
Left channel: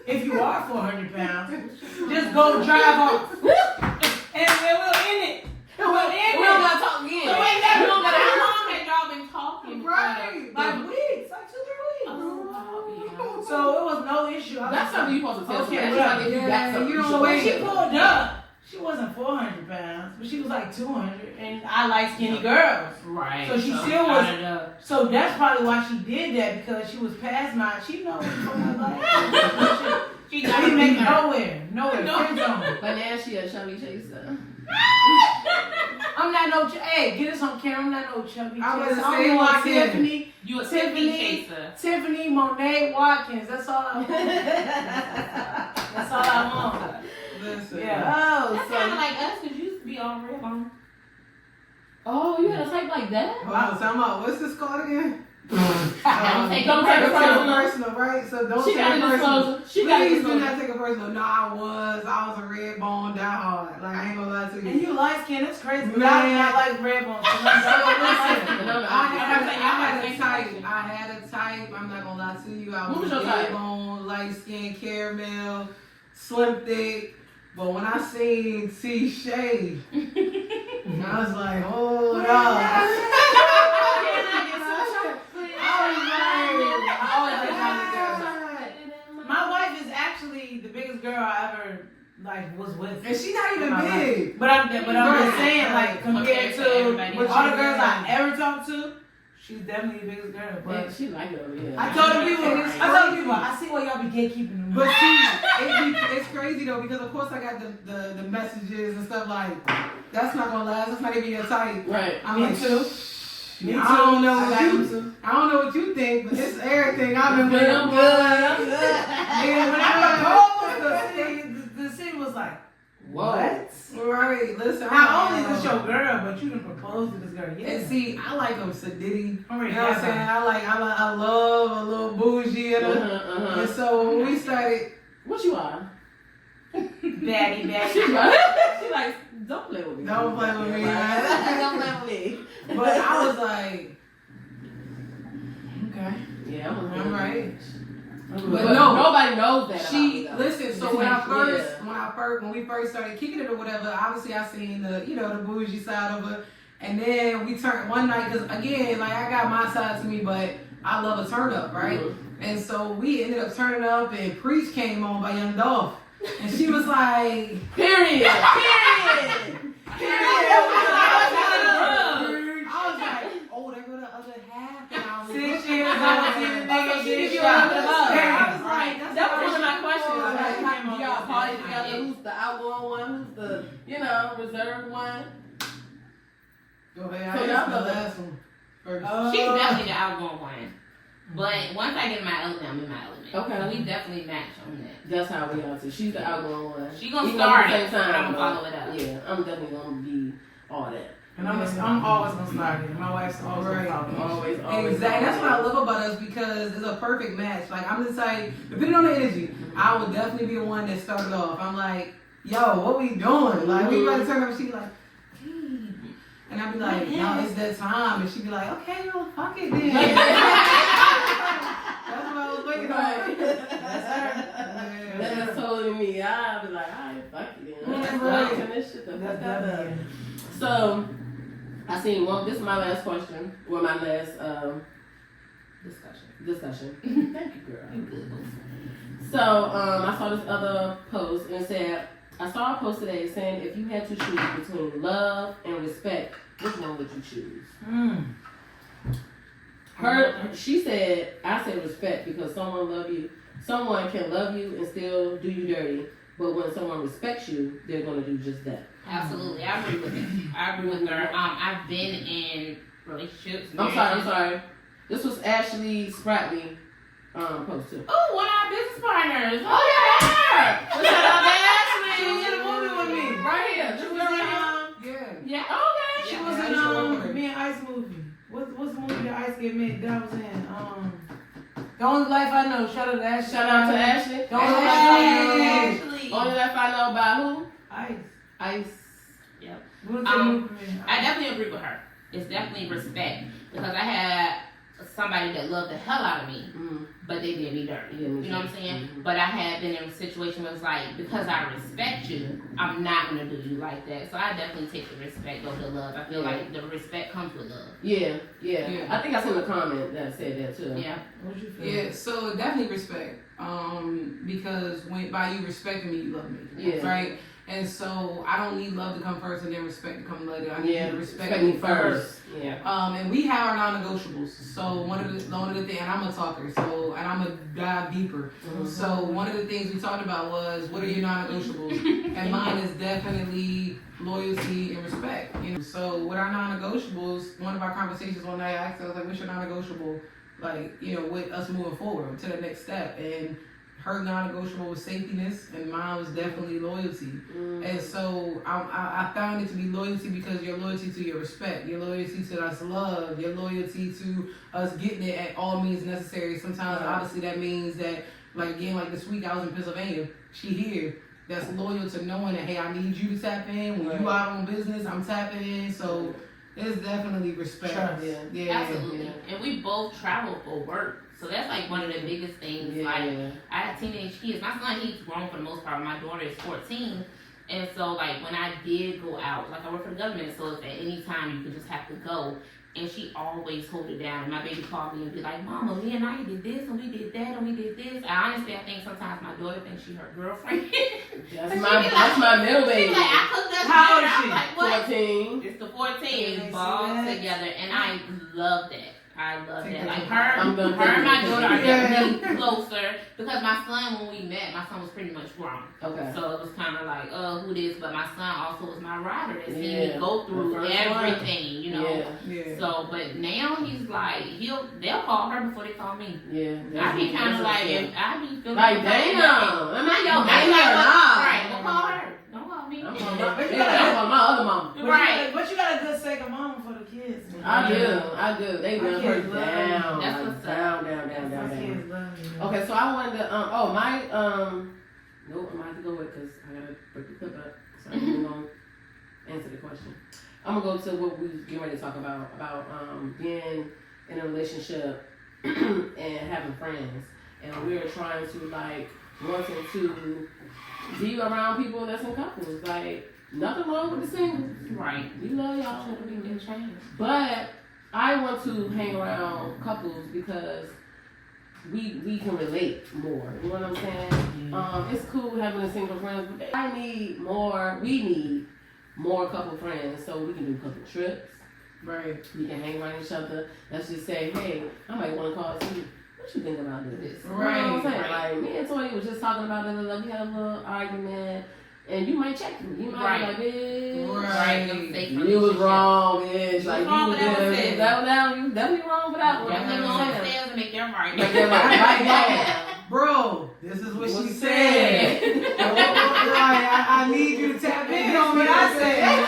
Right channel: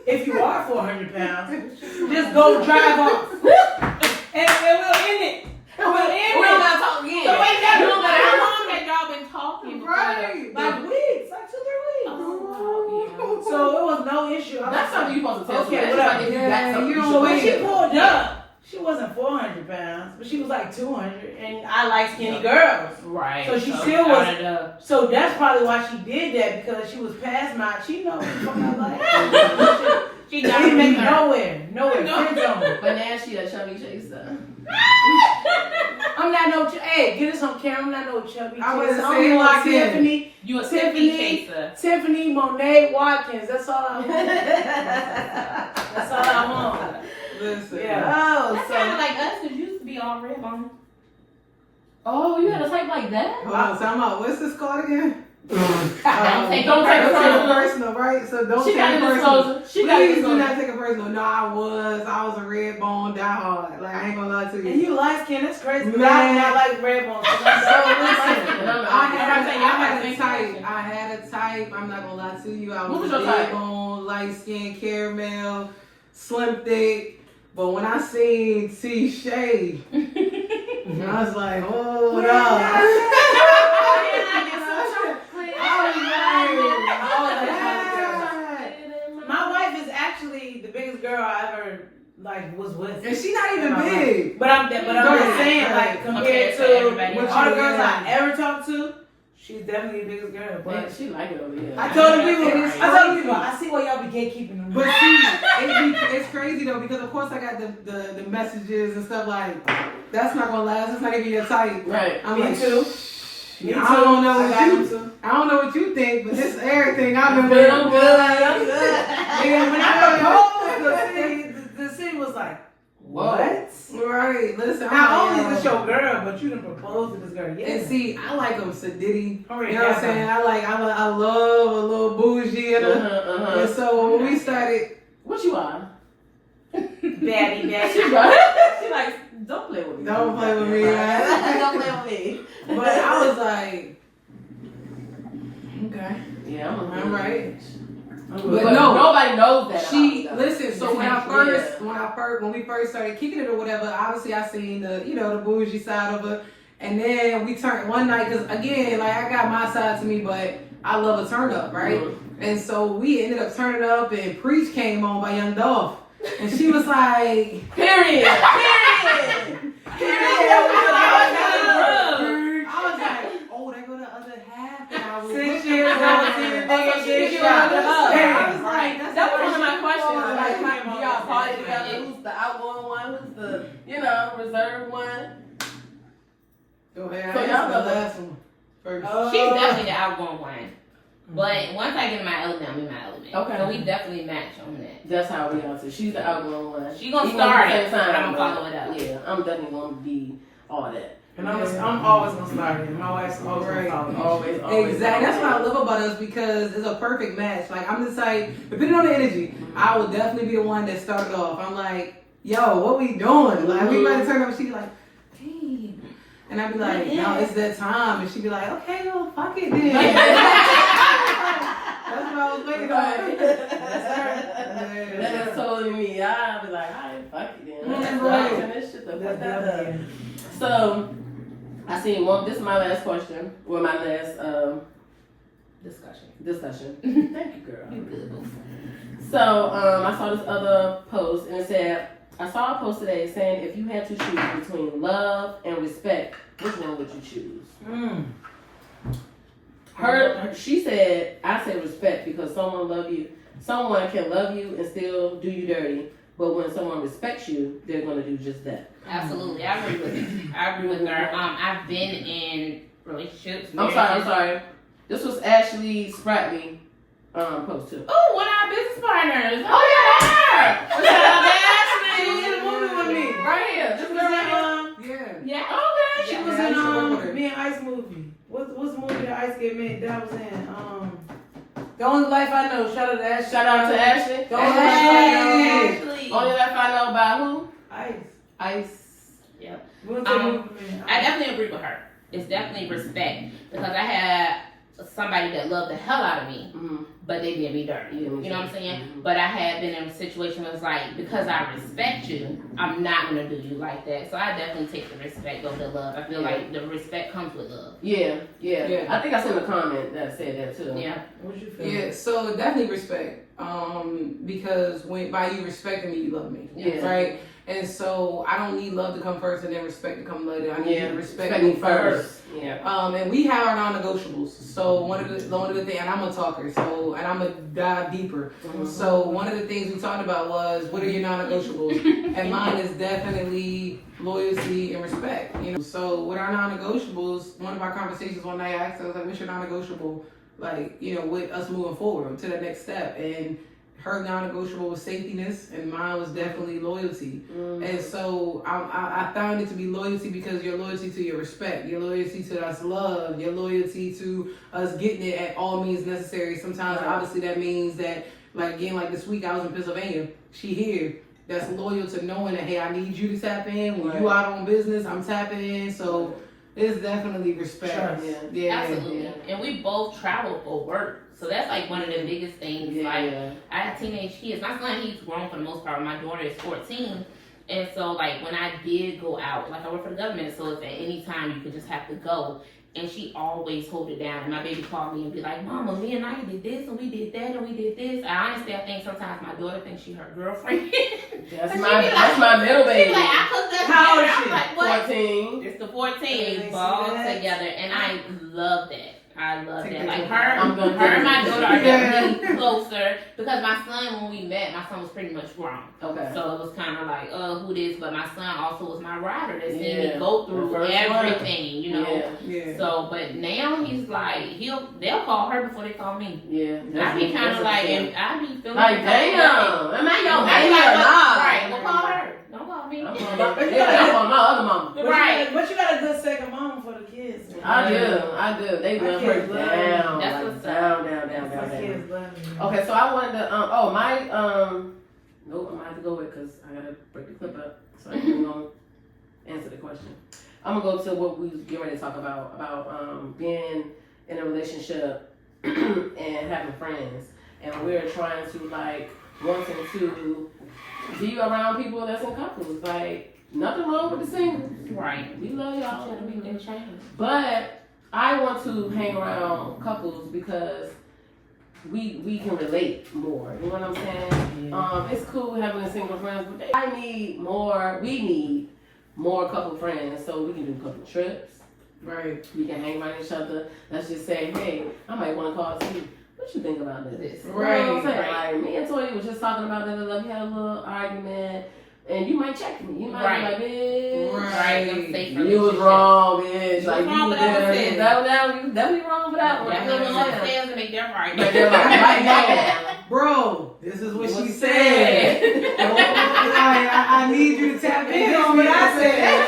if you are 400 pounds, just go drive off. And we'll end it. We'll end We it. don't gotta talk again. So wait, You don't How gotta long had y'all been talking? Right. like weeks, like 2-3 weeks. So it was no issue. I was That's something you supposed to tell Okay, somebody. That's whatever. like if you got Yeah, something. you don't So when she wait. pulled up, she wasn't 400 pounds, but she was like 200, and I like skinny girls. Right. So she still was- out of the- So that's probably why she did that, because she was past my. She knows from my life. She She got didn't make me. nowhere. No. Friend zone. But now she a chubby chaser. I'm not no. Hey, get us on camera. I'm not no chubby. I was chaser. saying I'm like that. Tiffany, You a Tiffany. chaser. Tiffany Monet Watkins. That's all I want. That's all I want. Listen. Yeah. Oh, That's kind of like us, because you used to be all red on. Oh, you had a type like that? Hold on, time out. What's this called again? Don't take Don't it take it personal. personal, right? So don't She take got it a personal. disclosure. She got a Please do disclosure. not take it personal. No, I was a red bone diehard. Like I ain't gonna lie to And you. you light skin. That's crazy. Man. I like red bones. So listen, No, I had a type. I'm not gonna lie to you. I What was was your red type? bone, light skin, caramel, slim thick. But when I seen T Shay, I was like, hold up. My wife is actually the biggest girl I ever was with. And she not even My big. But I'm just saying, like, compared to to everybody all else. the girls I ever talked to, she's definitely the biggest girl. But But she like it over here. I told the people, And it's I see why y'all be gatekeeping them. But see, it's crazy though, because of course I got the messages and stuff like, that's not gonna last, that's not even your type. Right. I'm Me like, too. I don't know I what got you them too. I don't know what you think, but this everything I've been But with. I'm good. I'm good. Yeah, when I proposed, the city was like, what? Right, listen. Not I'm only like, is this your girl, but you done proposed to this girl. Yeah. and see, I like them sedity. I'm You ready know what I'm to saying? have I love a little bougie in her. And so when we started, What you on? Daddy, She daddy. like, don't play with me. don't play with me, man. Don't play with me. But I was like, okay, Yeah, I'm all right. But no, nobody knows that. She about me, though. listen. So when we first started kicking it or whatever, obviously I seen the bougie side of her, and then we turned one night because again, like I got my side to me, but I love a turn up, right? And so we ended up turning up, and Preach came on by Young Dolph, and she was like, Period. I was like, oh, there go the other half that I was 6 looking years for. old, 10 days, She big get shot. rid of the I was Right. like, that's That was what one of my she questions. was. Like, do y'all party together? Who's the outgoing one? Who's the, reserved one? Go ahead. So I y'all answered the know. last one first. She's definitely the outgoing one. But once I get in my element, I'm in my element. Okay. So we definitely match on that. That's how we are too. She's the outgoing one. She gonna Even start at the it, same but time, I'ma follow it up. Yeah, I'm definitely gonna be all that. And I'm always gonna start it. My wife's always Right. gonna follow me. Always. Exactly. That's what I love about us because it's a perfect match. Like I'm the type, depending on the energy, I will definitely be the one that started off. I'm like, yo, what we doing? Like we about to turn up, and she be like, hey. And I'd be like, no, it's that time. And she'd be like, okay, well, fuck it then. That's what I was waiting on. That is totally me. I'll be like, alright, fuck it. Let's go Right. and this shit. That's Let's definitely it. So, I seen one. This is my last question. Well, my last Discussion. Thank you, girl. You good, boo. So, I saw this other post and it said, I saw a post today saying if you had to choose between love and respect, which one would you choose? She said, I say respect because someone can love you and still do you dirty, but when someone respects you, they're gonna do just that. Absolutely, I agree with her. I've been in relationships. I'm sorry. This was Ashley Spratley post too. Oh, one of our business partners. Oh yeah. Shout out to Ashley. She was in the movie with me. Right here. This girl right here. Yeah. Yeah. Okay. She was in me and Ice movie. What's the movie that Ice get made that I was in? The Only Life I Know. Shout out to Ashley. Shout out to Ashley. The Only Life I Know. Ashley. Only Life I Know by who? Ice. Yep. We went to the movie. I definitely agree with her. It's definitely respect because I had somebody that loved the hell out of me, but they did me dirty. You know what I'm saying? But I had been in a situation where it's like, because I respect you, I'm not gonna do you like that. So I definitely take the respect over the love. I feel like the respect comes with love. Yeah. I think I seen a comment that said that too. Yeah. What you feel? Yeah, so definitely respect. Because when by you respecting me, you love me. Yeah. Right? And so I don't need love to come first and then respect to come later. I need you to respect me me first. Yeah. And we have our non-negotiables. So one of the things, and I'm a talker, so and I'm a dive deeper. So one of the things we talked about was what are your non-negotiables, and mine is definitely loyalty and respect. You know, so with our non-negotiables, one of our conversations one night I asked her, I was like, "What's your non-negotiable?" Like, you know, with us moving forward to the next step, and her non-negotiable was safetyness, and mine was definitely loyalty. And so I found it to be loyalty because your loyalty to your respect, your loyalty to us love, your loyalty to us getting it at all means necessary. Sometimes, obviously, that means that, like again, like this week I was in Pennsylvania, she here. That's loyal to knowing that, hey, I need you to tap in. When you out on business, I'm tapping in. So it's definitely respect. Yeah. Absolutely. And we both travel for work. So that's like one of the biggest things. Like, I have teenage kids. My son, he's grown for the most part. My daughter is 14. And so, like, when I did go out, like, I work for the government, so it's at any time you could just have to go. And she always hold it down. And my baby called me and be like, Mama, me and I did this, and we did that, and we did this. And honestly, I think sometimes my daughter thinks she her girlfriend. That's my middle baby. Like, I cooked that How old together. is she? I'm like, what? 14. It's the 14 ball together, and I love that. I love that. Like her and my daughter are definitely closer because my son, when we met, my son was pretty much grown. Okay. So it was kind of like, who this? But my son also was my rider that seen me go through everything, you know. Yeah. So, but now he's like, they'll call her before they call me. Yeah. I be kind of like, and I be feeling like, damn. Am I your I be baby like, or not? right? Well, call her. Don't call me. I'm calling my other mama. Right. But you got a good second mama for the kids. I do. They My love her kids love me. down. That's what's down. My kids love me. Okay, so I wanted to, nope, I'm gonna have to go with it because I gotta break the clip up. So I'm gonna answer the question. I'm gonna go to what we was getting ready to talk about being in a relationship and having friends. And we're trying to, like, wanting to be around people that's in couples. Like, nothing wrong with the singles. Right. We love y'all. Trying to make them change. But I want to hang around couples because we can relate more. You know what I'm saying? It's cool having a single friends, but we need more couple friends so we can do couple trips. Right. We can hang around each other. Let's just say, hey, I might want to call you. What you think about this? Right. You know what I'm saying? Like, me and Toya was just talking about that. We had a little argument. And you might check me. You might be like, bitch. You was wrong, bitch. Like, wrong for that one. You definitely wrong for that one. That's You know what I'm what saying? to make them right. Bro, this is what she said. I need you to tap in on what I said.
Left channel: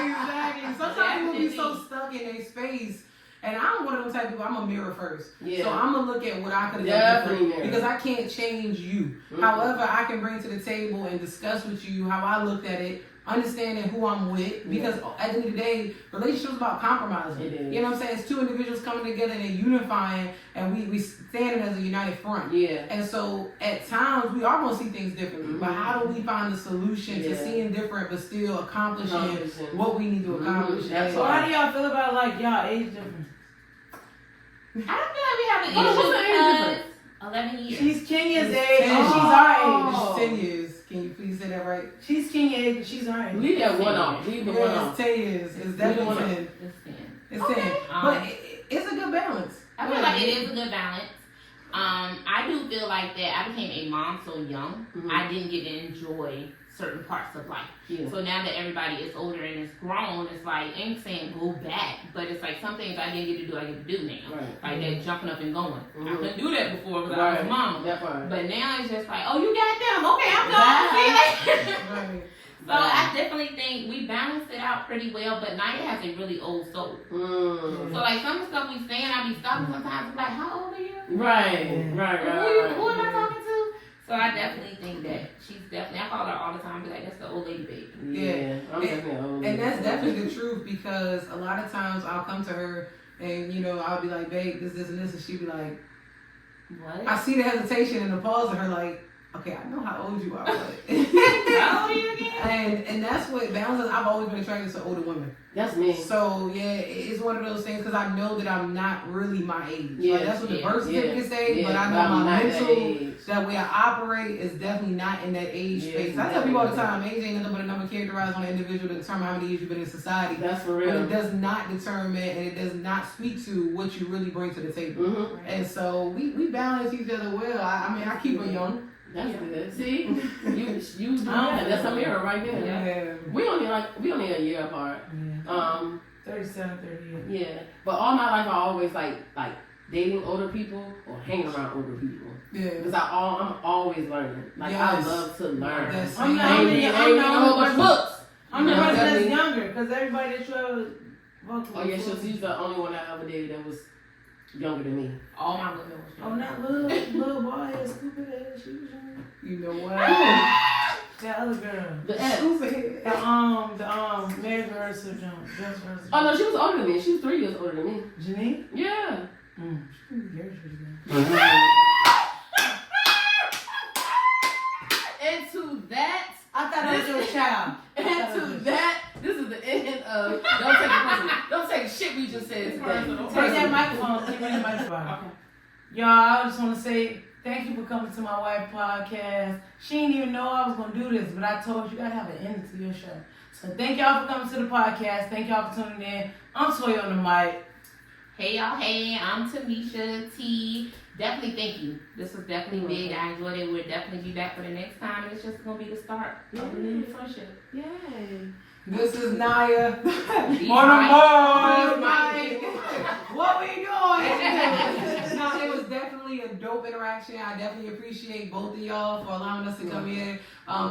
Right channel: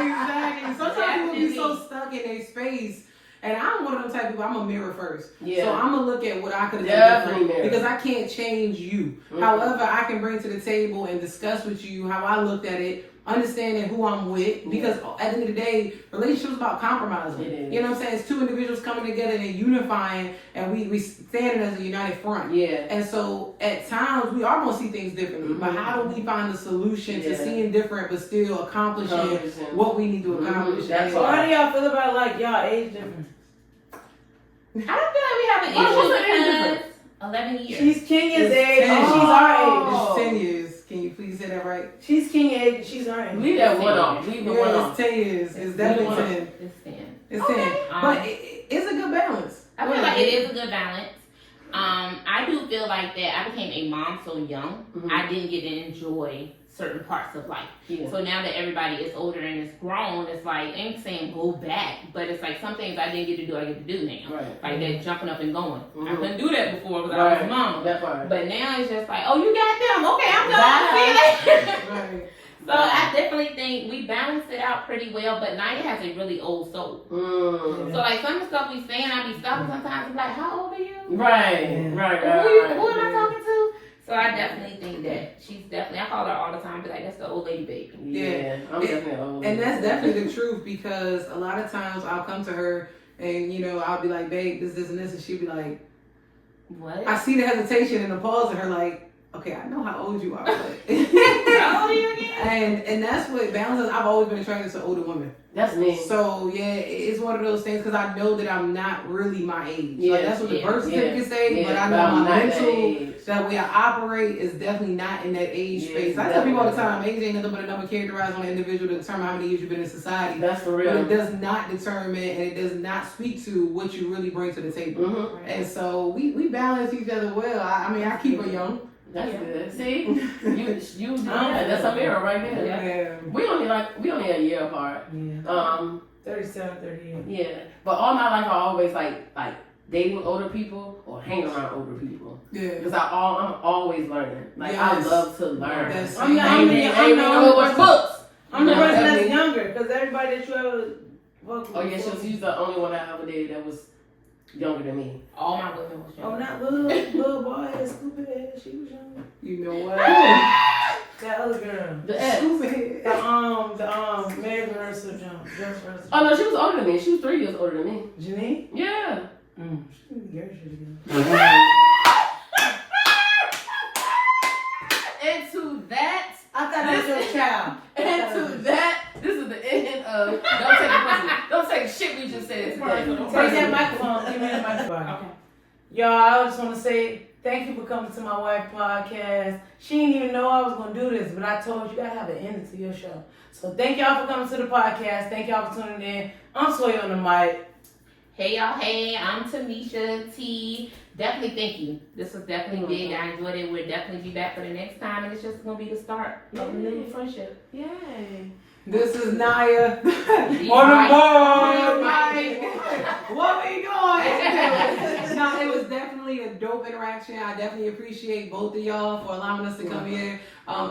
Exactly. Sometimes people be so stuck in their space. And I'm one of them type of people, I'm a mirror first. Yeah. So I'm going to look at what I could have done different because I can't change you. Mm-hmm. However, I can bring to the table and discuss with you how I looked at it, understanding who I'm with. Because at the end of the day, relationships about compromising. You know what I'm saying? It's two individuals coming together and unifying, and we standing as a united front. Yeah. And so at times, we are going to see things differently. Mm-hmm. But how do we find a solution to seeing different but still accomplishing what we need to accomplish? So how do y'all feel about, like, y'all age difference? I don't feel like we have an issue because 11 years. She's Kenya's It's age 10. and she's our age. It's 10 years. Can you please say that right? She's Kenya age and she's our age. Leave that one off. Leave the one Yeah, off. it's 10 years. It's definitely 10. It's 10. It's 10. Um, But it's a good balance. I feel like it is a good balance. I do feel like that I became a mom so young, Mhm. I didn't get to enjoy certain parts of life. Yeah. So now that everybody is older and is grown, it's like, I ain't saying go back, but it's like some things I didn't get to do, I get to do now. Right. Like that jumping up and going. I Mhm. couldn't do that before because I was a mom. That part. But now it's just like, oh, you got them. Okay, I'm going. See you later. Right. So I definitely think we balanced it out pretty well, but Naya has a really old soul. Mm. So like some of the stuff we saying, I be stopping sometimes. I'm like, how old are you? Right. Right. Who am I talking to? So I definitely think that she's definitely. I call her all the time, but like that's the old lady baby. Yeah. I'm definitely old. And that's definitely the truth because a lot of times I'll come to her and, you know, I'll be like, babe, this, and this. And she'll be like, What? I see the hesitation and the pause in her like, okay, I know how old you are. But How old are you again? and that's what balances. I've always been attracted to older women. That's me. So yeah, it's one of those things because I know that I'm not really my age. Yeah, Like that's what the yeah, birth certificate say, Yeah, but I know I'm my not mental, that age. that way I operate is definitely not in that age Yeah, space. I tell people all the definitely. time, age ain't nothing but a number characterized on an individual to determine how many years you've been in society. That's for But real. it does not determine and it does not speak to what you really bring to the table. Mhm. And so we balance each other well. I mean, I keep her young. That's good. See, you that's a mirror right there. Yeah. We only a year apart. Yeah. 37, 38. Yeah. But all my life I always like dating older people or hanging around older people Yeah. because I'm always learning. Like I Yes. love to learn. That's I'm the I ain't only- read I'm the no only more person- books. I'm the You know person what I that's mean? younger because everybody that you ever worked with. Oh yeah, she's the only one I ever dated that was younger than me. All my women was Oh, young. not little boy, stupid ass. She was young. You know what? That other girl. The ex. Stupid. The Meg Russell jump. Just Russell. Oh no, she was older than me. She was 3 years older than me. Janine? Yeah. She was very pretty. And to that, I thought that was your child. and to that, this is the end of don't take shit we just said today. Take that microphone. Give me that microphone. Okay. Y'all, I just want to say thank you for coming to my wife podcast. She didn't even know I was going to do this, but I told you gotta have an ending to your show. So thank y'all for coming to the podcast. Thank y'all for tuning in. I'm Sway on the mic. Hey y'all, hey, I'm Tamisha T. Definitely thank you. This was definitely big. I enjoyed it. We'll definitely be back for the next time, and it's just gonna be the start of a new friendship. Yay. This is Naya. On the Right. board, Mike. What we doing? No, it was definitely a dope interaction. I definitely appreciate both of y'all for allowing us to come here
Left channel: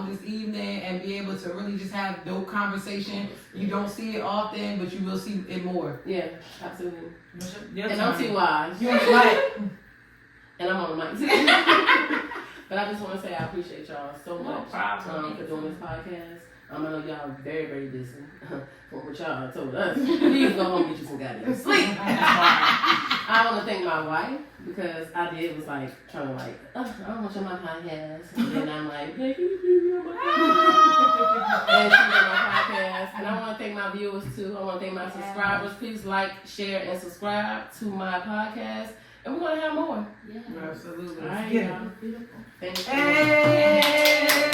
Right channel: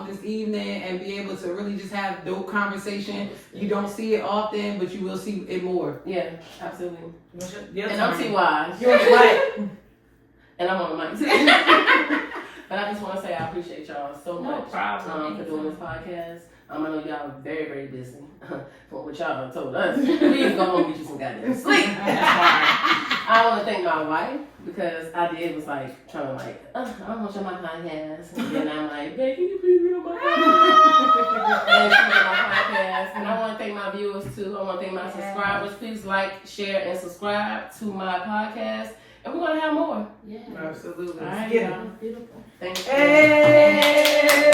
this evening and be able to really just have dope conversation. You don't see it often, but you will see it more. Yeah, absolutely. Your And I'm turn. T-Wise. You're black. And I'm on the mic too. But I just want to say I appreciate y'all so No much problem. for doing this podcast. I know y'all are very, very busy. But what y'all told us, please go home and get you some goddamn sleep. I want to thank my wife because I did was like trying to like, I don't want you on my podcast. And then I'm like, babe, can you please be on my podcast? And she was on my podcast. And I want to thank my viewers too. I want to thank my subscribers. Please like, share, and subscribe to my podcast. And we're going to have more. Yeah. Absolutely. All right, Get it. y'all. Thank you. Hey!